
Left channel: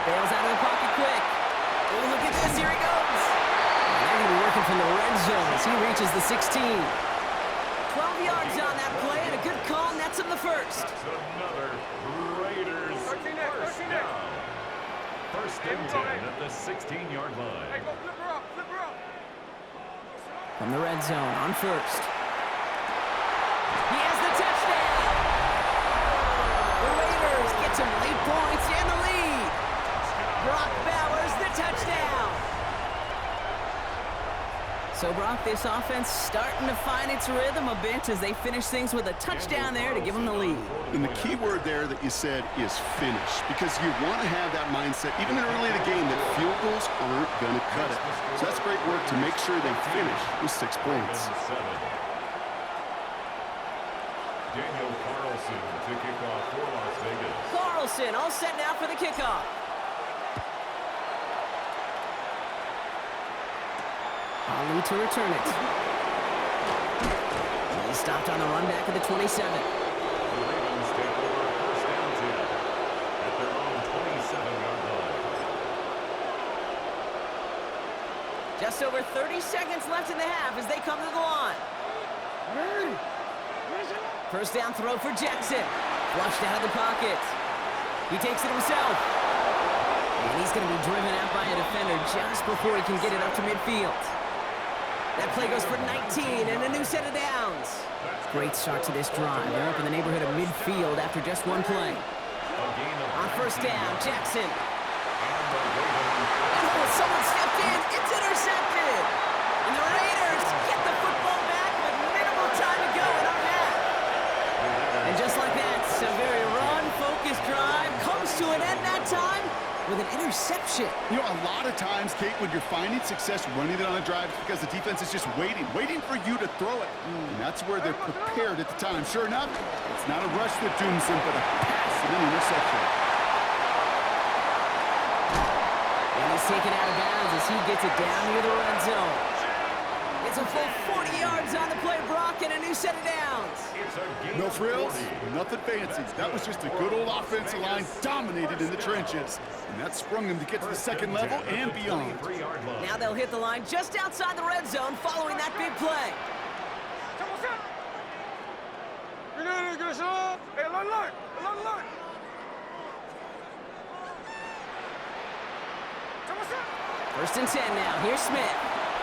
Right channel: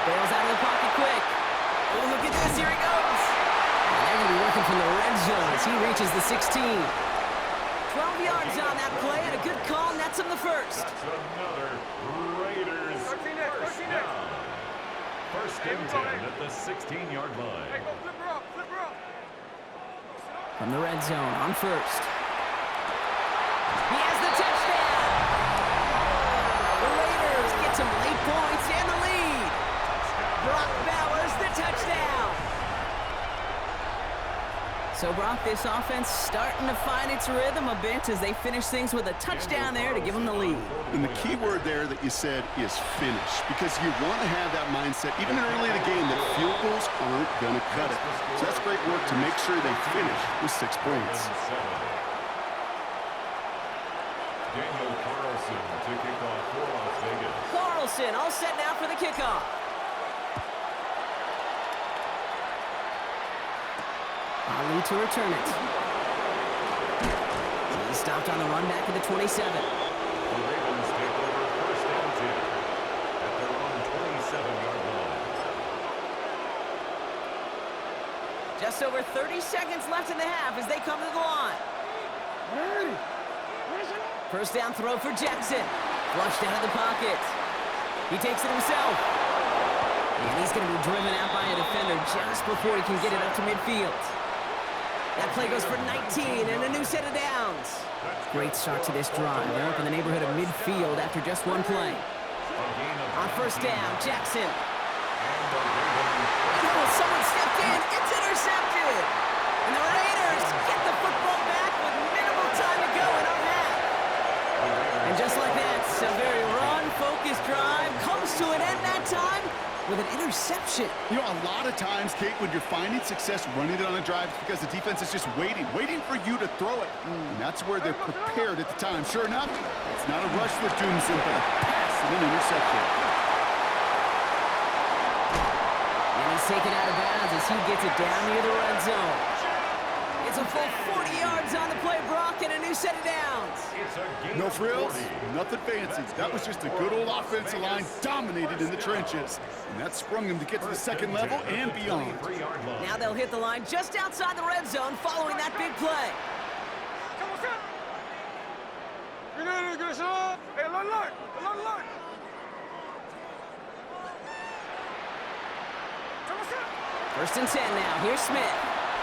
Bails out of the pocket quick. Oh, look at this. Here he goes. And they're going to be working from the red zone as he reaches the 16. 12 yards on that play and a good call nets him the first. That's another Raiders first down. 1st and 10 at the 16-yard line. Hey, go flip her up. From the red zone on first. He has the touchdown. The Raiders get some late points and the lead. Brock Bowers the touchdown. So, Brock, this offense starting to find its rhythm a bit as they finish things with a touchdown there to give them the lead. And the key word there that you said is finish, because you want to have that mindset, even early in the game, that field goals aren't going to cut it. So that's great work to make sure they finish with 6 points. Daniel Carlson to kick off for Las Vegas. Carlson all set now for the kickoff. Ali to return it. He stopped on the run back at the 27. The Ravens take over 1st and 10 at their own 27-yard line. Just over 30 seconds left in the half as they come to the line. First down throw for Jackson. Flushed out of the pocket. He takes it himself. And he's going to be driven out by a defender just before he can get it up to midfield. That play goes for 19 and a new set of downs. Great start to this drive. They're up in the neighborhood of midfield after just one play. On first down, Jackson. And someone stepped in. It's intercepted. And the Raiders get the football back with minimal time to go in our half. And just like that, a very run-focused drive comes to an end that time with an interception. You know, a lot of times, Kate, when you're finding success running it on a drive, it's because the defense is just waiting for you to throw it. And that's where they're prepared at the time. Sure enough, it's not a rush that dooms them, but a pass and an interception. And he's taken out of bounds as he gets it down near the red zone. It's a full 40 yards on the play, Brock, and a new set of downs. No frills, nothing fancy. That was just a good old offensive line dominated in the trenches. And that sprung them to get to the second level and beyond. Now they'll hit the line just outside the red zone following that big play. Come on, shot. Get a shot. Hey, alert. Come First and 10 now. Here's Smith.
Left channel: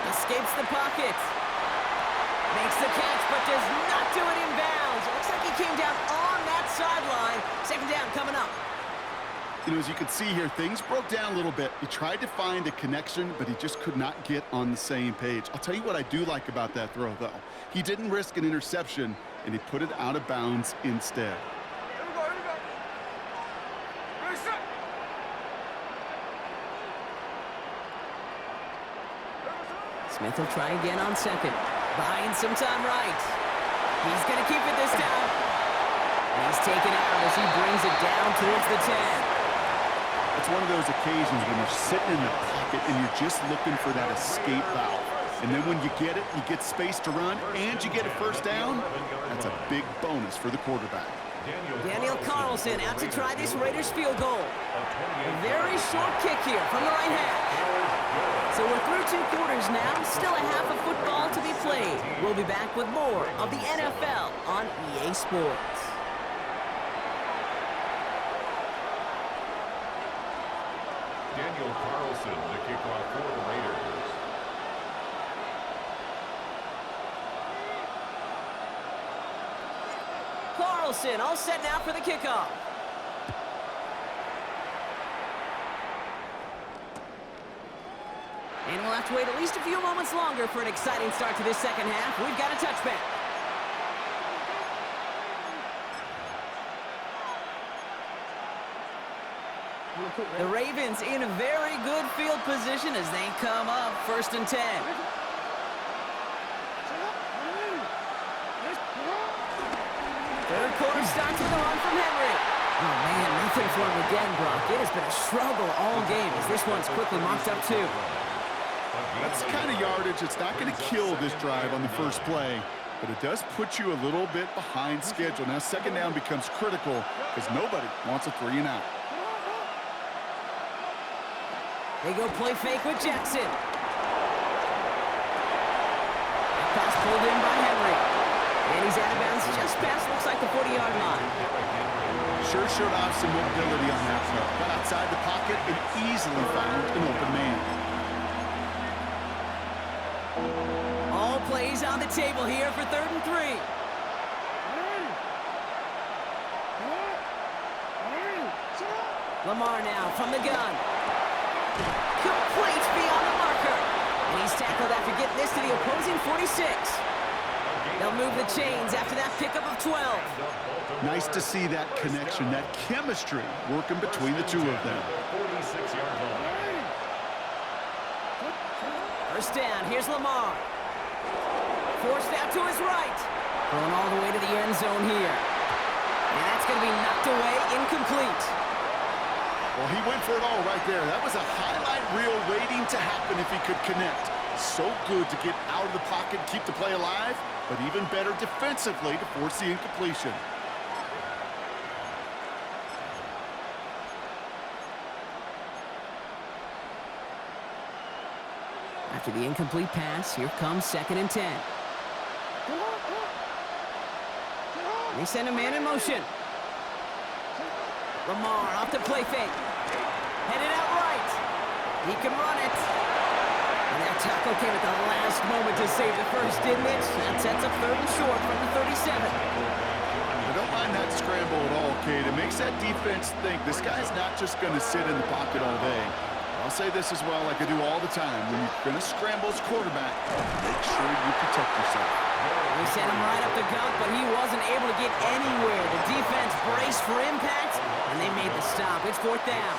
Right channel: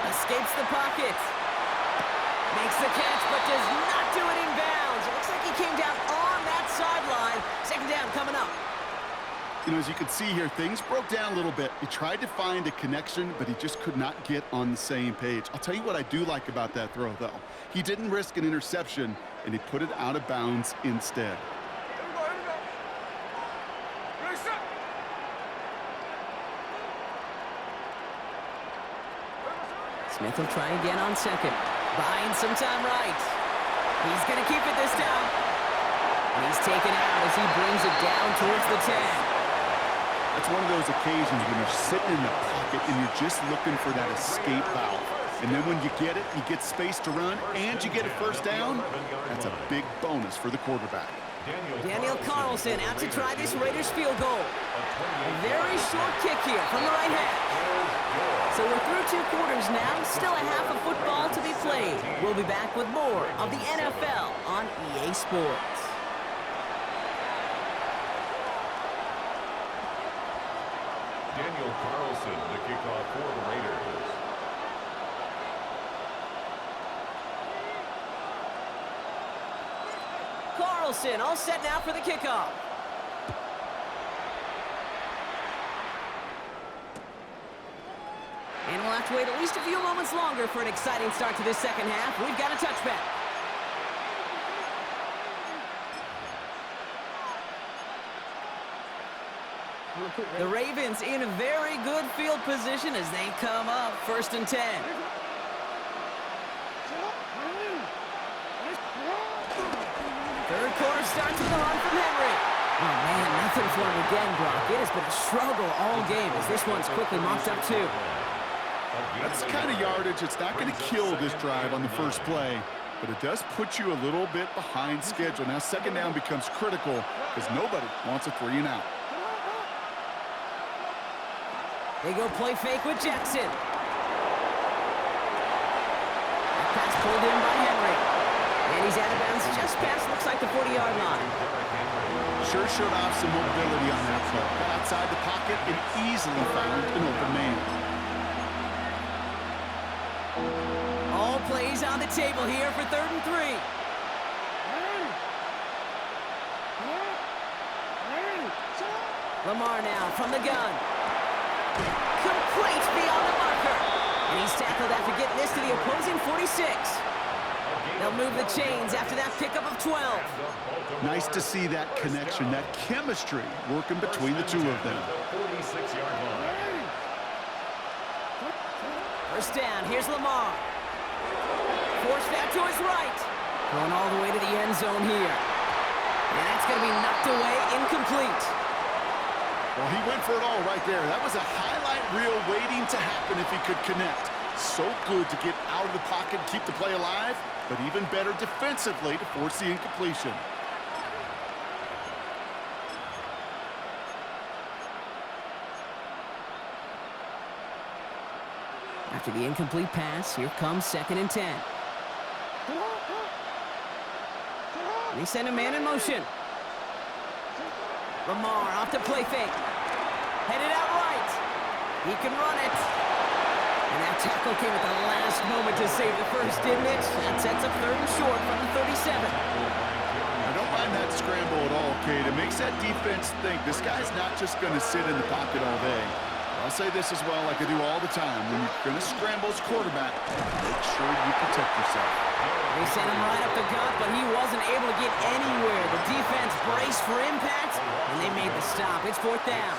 Escapes the pocket. Makes the catch, but does not do it in bounds. It looks like he came down on that sideline. Second down coming up. You know, as you can see here, things broke down a little bit. He tried to find a connection, but he just could not get on the same page. I'll tell you what I do like about that throw, though. He didn't risk an interception, and he put it out of bounds instead. Here we go, here we go. Ready, set. Smith will try again on second. Buying some time right. He's going to keep it this time. And he's taken out as he brings it down towards the 10. It's one of those occasions when you're sitting in the pocket and you're just looking for that escape valve. And then when you get it, you get space to run, and you get a first down. That's a big bonus for the quarterback. Daniel Carlson out to try this Raiders field goal. A very short kick here from the right hash. So we're through 2 quarters now. Still a half of football to be played. We'll be back with more of the NFL on EA Sports. Daniel Carlson to kick off for the Raiders. Carlson all set now for the kickoff. And we'll have to wait at least a few moments longer for an exciting start to this second half. We've got a touchback. The Ravens in a very good field position as they come up first and 10. Third quarter starts with a run from Henry. Oh, man, nothing for him again, Brock. It has been a struggle all game as this one's quickly mocked up too. That's the kind of yardage that's not going to kill this drive on the first play, but it does put you a little bit behind schedule. Now, second down becomes critical because nobody wants a 3 and out. They go play fake with Jackson. That pass pulled in by Henry. And he's out of bounds just past, looks like, the 40-yard line. Sure showed off some mobility on that play. Got outside the pocket and easily found an open man. All plays on the table here for 3rd and 3. Lamar now from the gun. Complete beyond the marker. And he's tackled after getting this to the opposing 46. They'll move the chains after that pickup of 12. Nice to see that connection, that chemistry working between the two of them. 46-yard line. First down, here's Lamar. Forced out to his right. Thrown all the way to the end zone here. And that's going to be knocked away, incomplete. Well, he went for it all right there. That was a highlight reel waiting to happen if he could connect. So good to get out of the pocket, keep the play alive, but even better defensively to force the incompletion. After the incomplete pass, here comes 2nd and 10. They send a man in motion. Lamar off the play fake. Headed out right. He can run it. And that tackle came at the last moment to save the first, didn't it? That sets up 3rd and short from the 37. I don't mind that scramble at all, Kate. It makes that defense think this guy's not just going to sit in the pocket all day. I'll say this as well, like I do all the time. When you're going to scramble as quarterback, make sure you protect yourself. They sent him right up the gut, but he wasn't able to get anywhere. The defense braced for impact, and they made the stop. It's 4th down.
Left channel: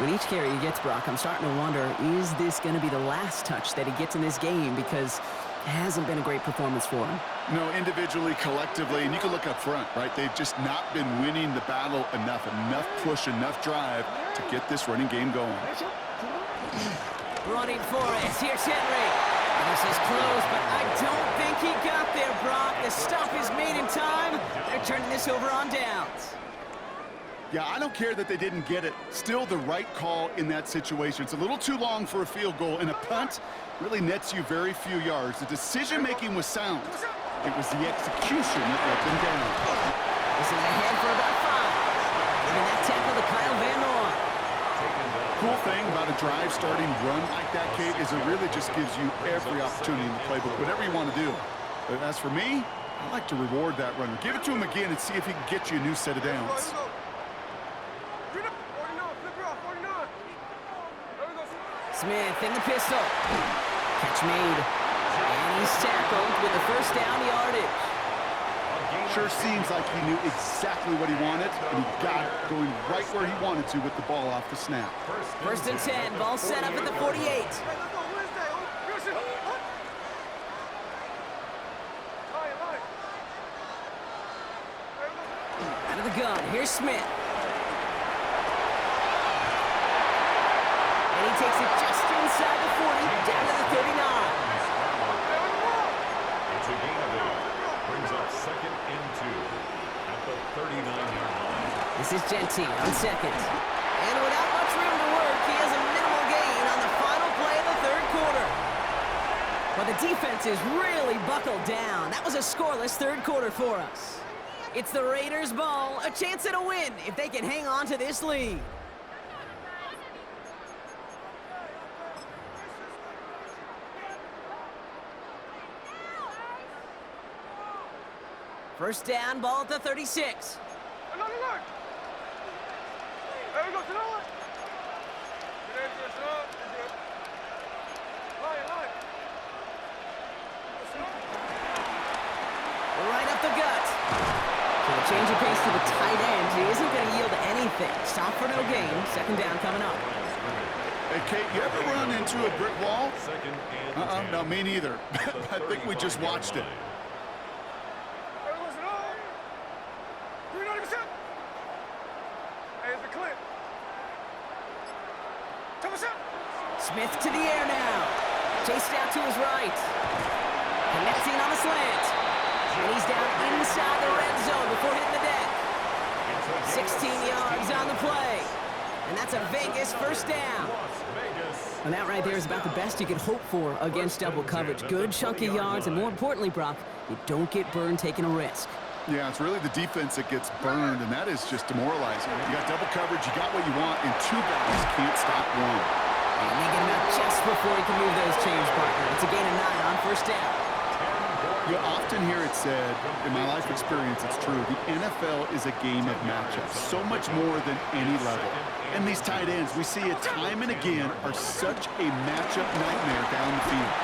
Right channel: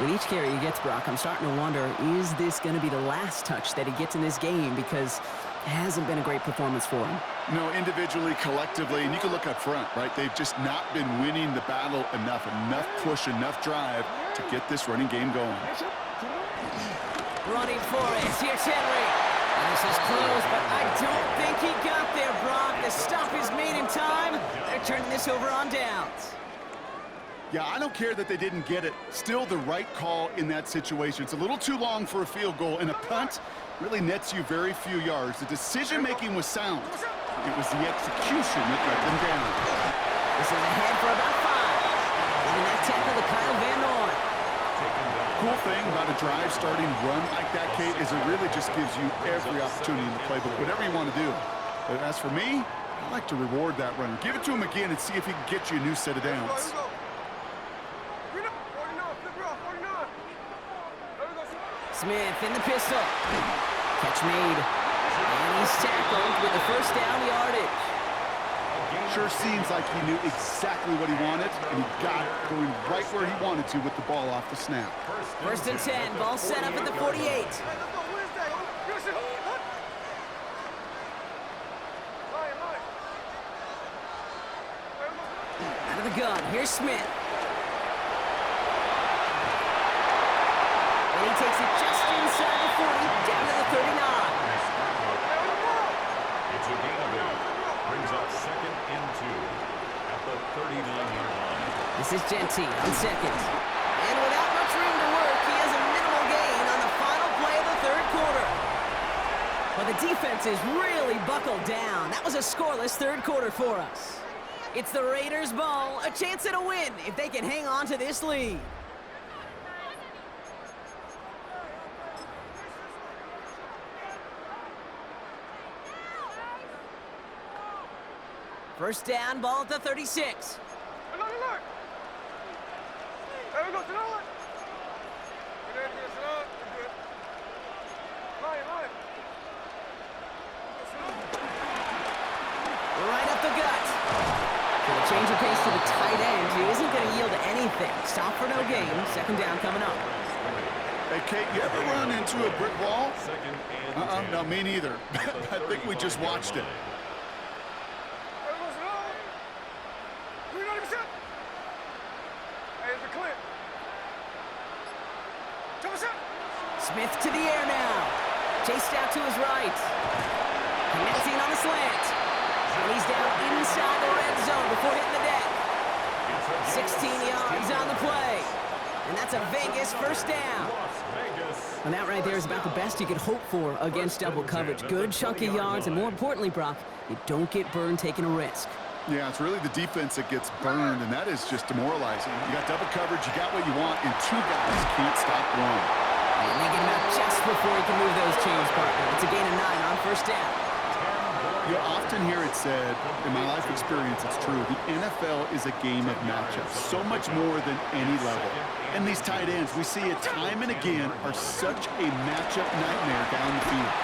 With each carry he gets, Brock, I'm starting to wonder, is this going to be the last touch that he gets in this game? Because it hasn't been a great performance for him. No, individually, collectively, and you can look up front, right? They've just not been winning the battle enough push, enough drive to get this running game going. Running for it. Here's Henry. And this is close, but I don't think he got there, Brock. The stop is made in time. They're turning this over on downs. Yeah, I don't care that they didn't get it. Still the right call in that situation. It's a little too long for a field goal, and a punt really nets you very few yards. The decision-making was sound. It was the execution that let them down. This is ahead for about 5. Giving that tackle to Kyle Van Noy. Cool thing about a drive starting run like that, Kate, is it really just gives you every opportunity in the playbook, whatever you want to do. But as for me, I like to reward that runner. Give it to him again and see if he can get you a new set of downs. Smith in the pistol. Catch made. And he's tackled with the first down yardage. Sure seems like he knew exactly what he wanted, and he got it going right where he wanted to with the ball off the snap. First and 10, ball set up at the 48. Out of the gun, here's Smith. And he takes it just inside the 40, down to the 39. It's a gain of 8. Brings up 2nd and 2 at the 39-yard line. This is Gentee on second. And without much room to work, he has a minimal gain on the final play of the third quarter. But the defense is really buckled down. That was a scoreless third quarter for us. It's the Raiders' ball, a chance at a win if they can hang on to this lead. First down, ball at the 36. Right up the gut. So a change of pace to the tight end. He isn't going to yield anything. Stop for no gain. Second down coming up. Hey, Kate, you ever run into a brick wall? 2nd and 10. No, me neither. I think we just watched it. Smith to the air now. Chased out to his right. Connecting on the slant. And he's down inside the red zone before hitting the deck. 16 yards on the play. And that's a Vegas first down. And that right there is about the best you could hope for against double coverage. Good chunky yards, and more importantly, Brock, you don't get burned taking a risk. Yeah, it's really the defense that gets burned, and that is just demoralizing. You got double coverage, you got what you want, and two guys can't stop one. And they get him out just before he can move those chains, partner. It's a gain of 9 on first down. You often hear it said, in my life experience, it's true, the NFL is a game of matchups, so much more than any level. And these tight ends, we see it time and again, are such a matchup nightmare down the field.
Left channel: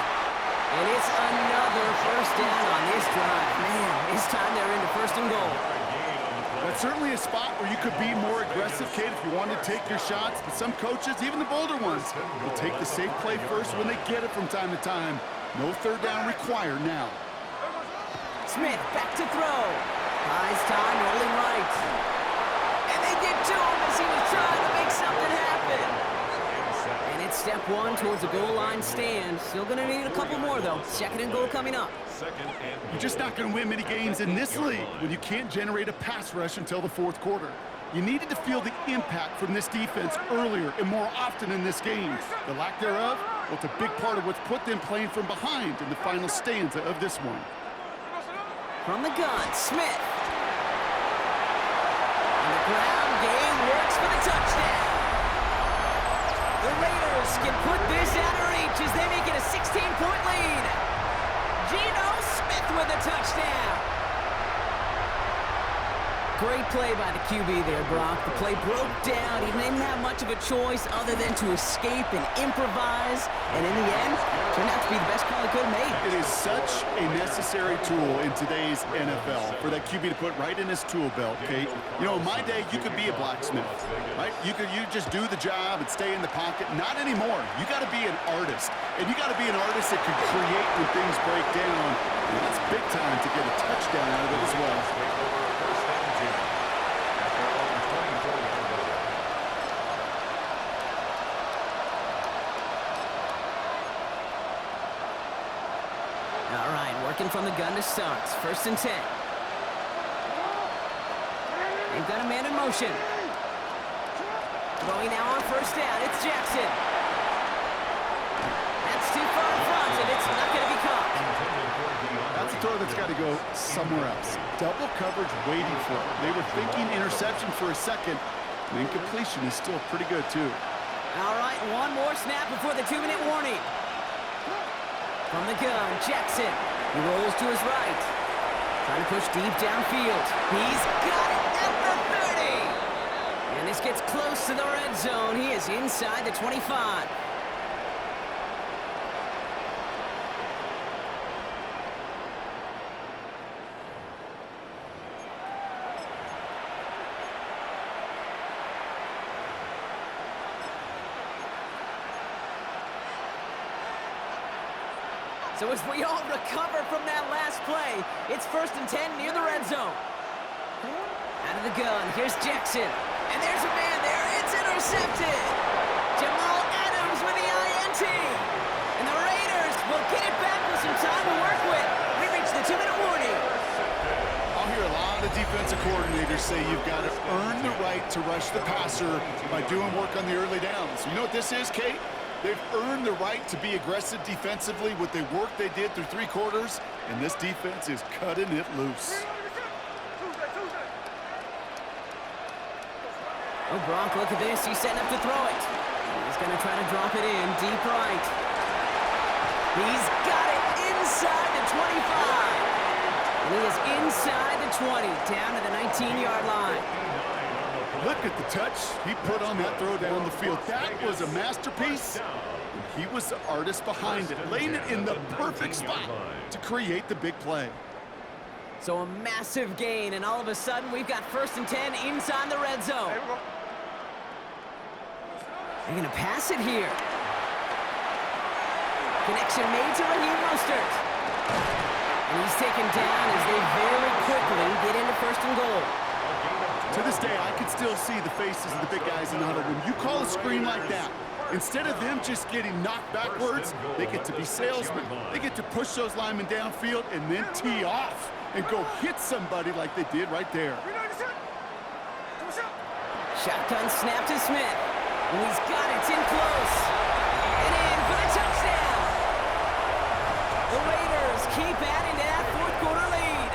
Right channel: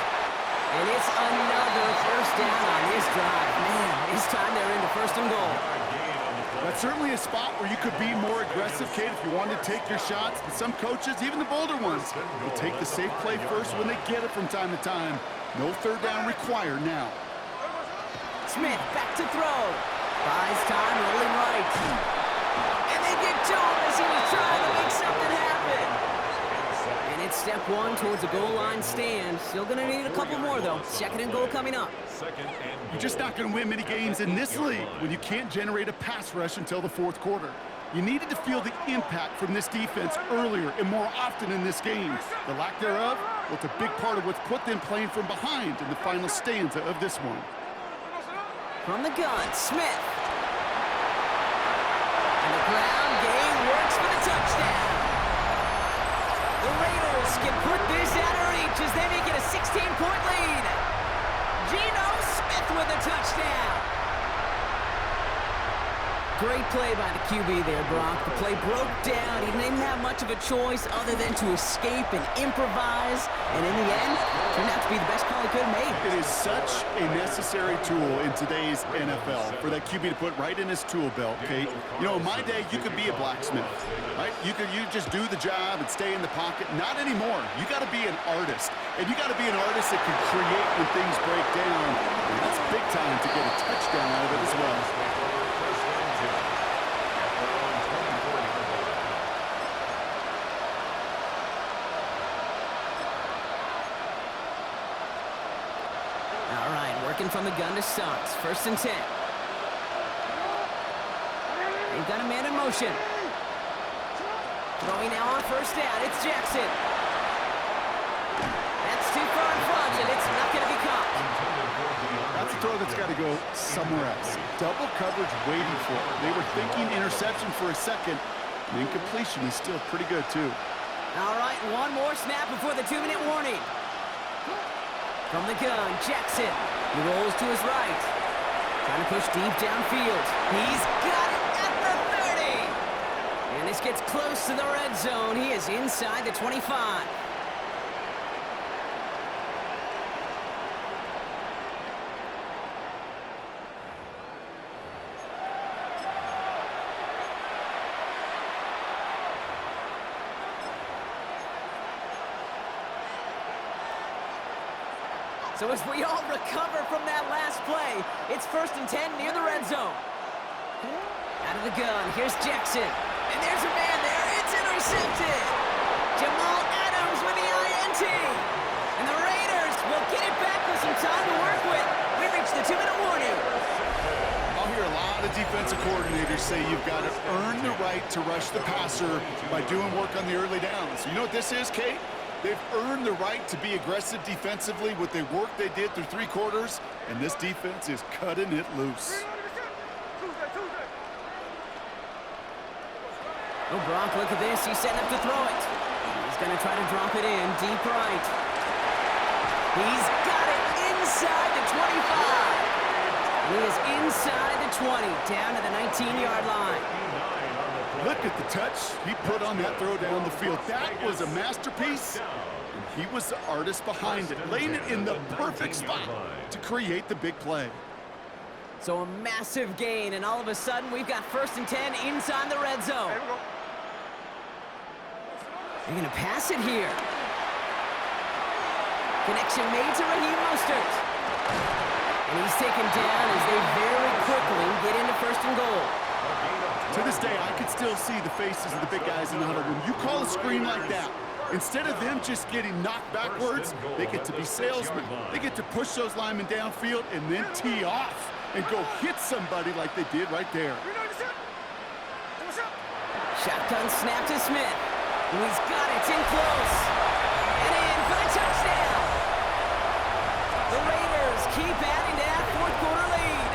And it's another first down on this drive. Man, this time they're into first and goal. That's certainly a spot where you could be more aggressive, Kate, if you wanted to take your shots. But some coaches, even the bolder ones, will take the safe play first when they get it from time to time. No third down required now. Smith back to throw. Buys time, rolling right. And they get to him as he was trying to make something happen. And it's step 1 towards a goal line stand. Still going to need a couple more, though. 2nd and goal coming up. You're just not going to win many games in this league when you can't generate a pass rush until the fourth quarter. You needed to feel the impact from this defense earlier and more often in this game. The lack thereof, well, it's a big part of what's put them playing from behind in the final stanza of this one. From the gun, Smith. And the ground game works for the touchdown. The Raiders can put this out of reach as they make it a 16-point lead. Geno Smith with a touchdown. Great play by the QB there, Brock. The play broke down. He didn't have much of a choice other than to escape and improvise. And in the end, turned out to be the best call he could have made. It is such a necessary tool in today's NFL for that QB to put right in his tool belt, Kate. You know, in my day, you could be a blacksmith, right? You just do the job and stay in the pocket. Not anymore. You got to be an artist. And you got to be an artist that can create when things break down. And that's big time to get a touchdown out of it as well. All right, working from the gun to start. First and 10. They've got a man in motion. Throwing now on first down. It's Jackson. That's too far in front, and it's not going to be caught. That's a throw that's got to go somewhere else. Double coverage waiting for it. They were thinking interception for a second, And incompletion is still pretty good, too. All right, one more snap before the 2-minute warning. From the gun, Jackson. He rolls to his right. Trying to push deep downfield. He's got it at the 30. And this gets close to the red zone. He is inside the 25. So as we all recover from that last play, it's 1st and 10 near the red zone. Out of the gun, here's Jackson. And there's a man there, it's intercepted. Jamal Adams with the INT. And the Raiders will get it back with some time to work with. We reached the 2-minute warning. I'll hear a lot of defensive coordinators say you've got to earn the right to rush the passer by doing work on the early downs. You know what this is, Kate? They've earned the right to be aggressive defensively with the work they did through 3 quarters, and this defense is cutting it loose. Oh, Brock, look at this. He's setting up to throw it. He's going to try to drop it in deep right. He's got it inside the 25. And he is inside the 20, down to the 19-yard line. Look at the touch he put on that throw down the field. That was a masterpiece. And he was the artist behind it, laying it in the perfect spot to create the big play. So a massive gain, and all of a sudden, we've got 1st and 10 inside the red zone. They're going to pass it here. Connection made to Raheem Mostert. And he's taken down as they very quickly get into 1st and goal. To this day, I can still see the faces of the big guys in the huddle. When you call a screen like that, instead of them just getting knocked backwards, they get to be salesmen. They get to push those linemen downfield and then tee off and go hit somebody like they did right there. Shotgun snap to Smith. And he's got it. It's in close. And in for the touchdown. The Raiders keep adding to that 4th quarter lead.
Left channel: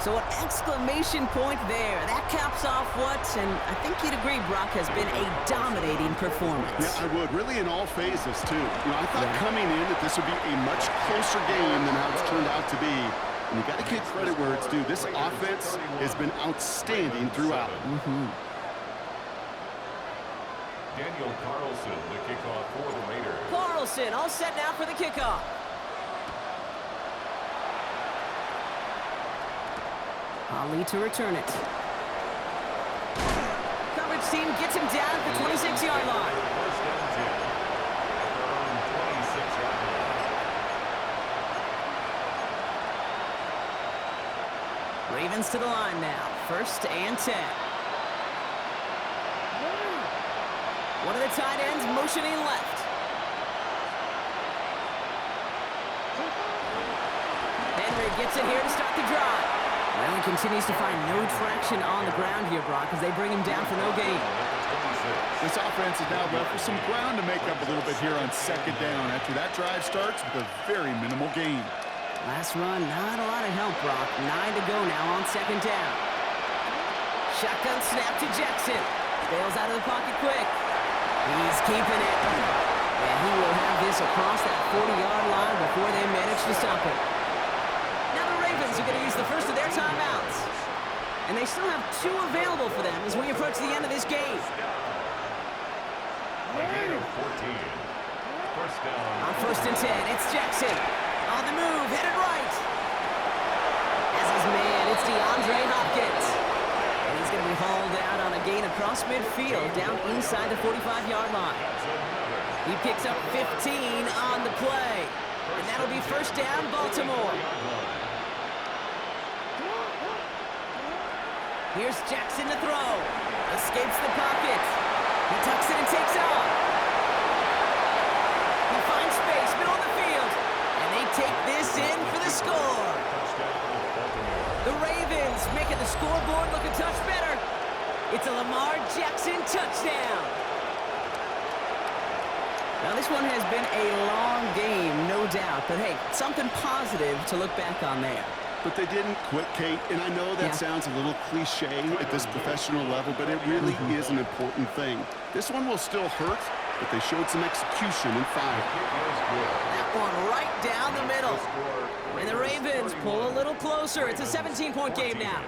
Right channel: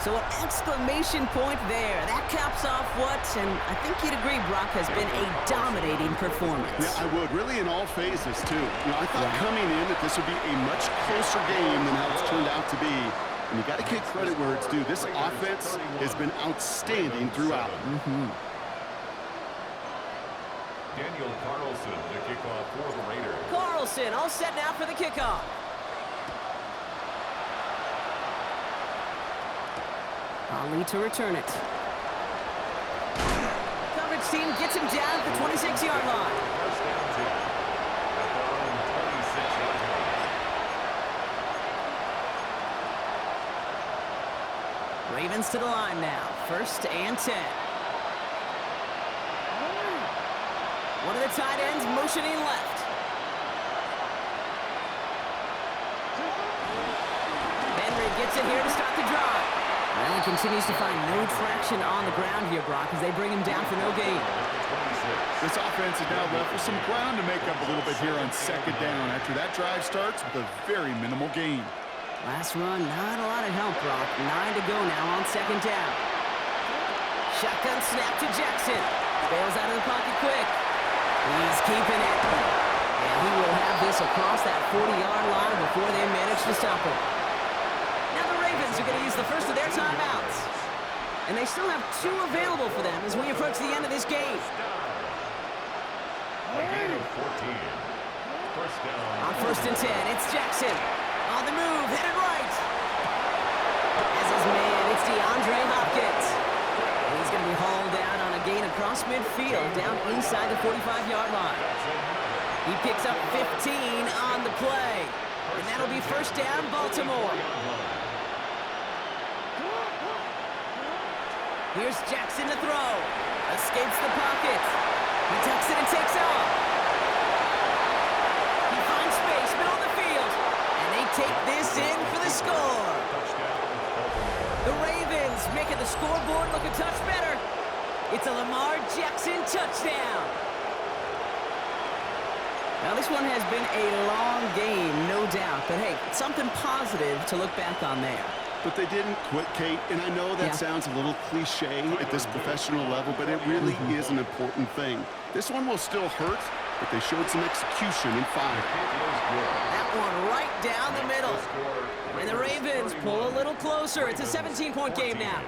So an exclamation point there. That caps off what, and I think you'd agree, Brock, has been a dominating performance. Yeah, I would. Really in all phases, too. You know, I thought coming in that this would be a much closer game than how it's turned out to be. And you got to give credit where it's due. This offense has been outstanding throughout. Daniel Carlson, the kickoff for the Raiders. Carlson all set now for the kickoff. Ali to return it. Coverage team gets him down at the 26-yard line. 1st and 10 at their own 26-yard line. Ravens to the line now. 1st and 10. One of the tight ends motioning left. Henry gets it here to start the drive. Well, he continues to find no traction on the ground here, Brock, as they bring him down for no gain. This offense is now left with some ground to make up a little bit here on 2nd down after that drive starts with a very minimal gain. Last run, not a lot of help, Brock. 9 to go now on 2nd down. Shotgun snap to Jackson. Bails out of the pocket quick. He's keeping it. And he will have this across that 40-yard line before they manage to stop him. Now the Ravens are going to use the first of their timeouts. And they still have 2 available for them as we approach the end of this game. A gain of 14. 1st down. On 1st and 10, it's Jackson. On the move, headed right. As his man, it's DeAndre Hopkins. And he's going to be hauled out on a gain across midfield down inside the 45-yard line. He picks up 15 on the play. And that'll be 1st down, Baltimore. Here's Jackson to throw. Escapes the pocket. He tucks it and takes off. He finds space, middle of the field. And they take this in for the score. The Ravens making the scoreboard look a touch better. It's a Lamar Jackson touchdown. Now, this one has been a long game, no doubt. But, hey, something positive to look back on there. But they didn't quit, Kate, and I know that sounds a little cliche at this professional level, but it really is an important thing. This one will still hurt, but they showed some execution and fire. That one right down the middle. And the Ravens pull a little closer. It's a 17-point game now.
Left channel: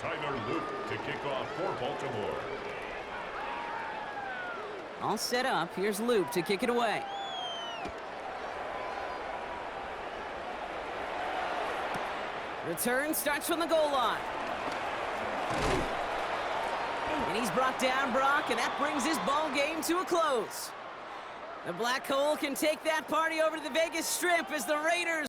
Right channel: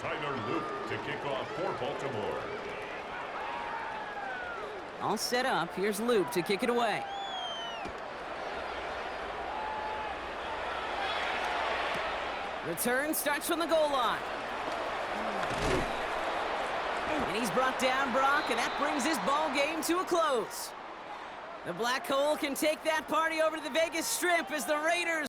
Tyler Luke to kick off for Baltimore. All set up. Here's Loop to kick it away. Return starts from the goal line. And he's brought down, Brock, and that brings his ball game to a close. The Black Hole can take that party over to the Vegas Strip as the Raiders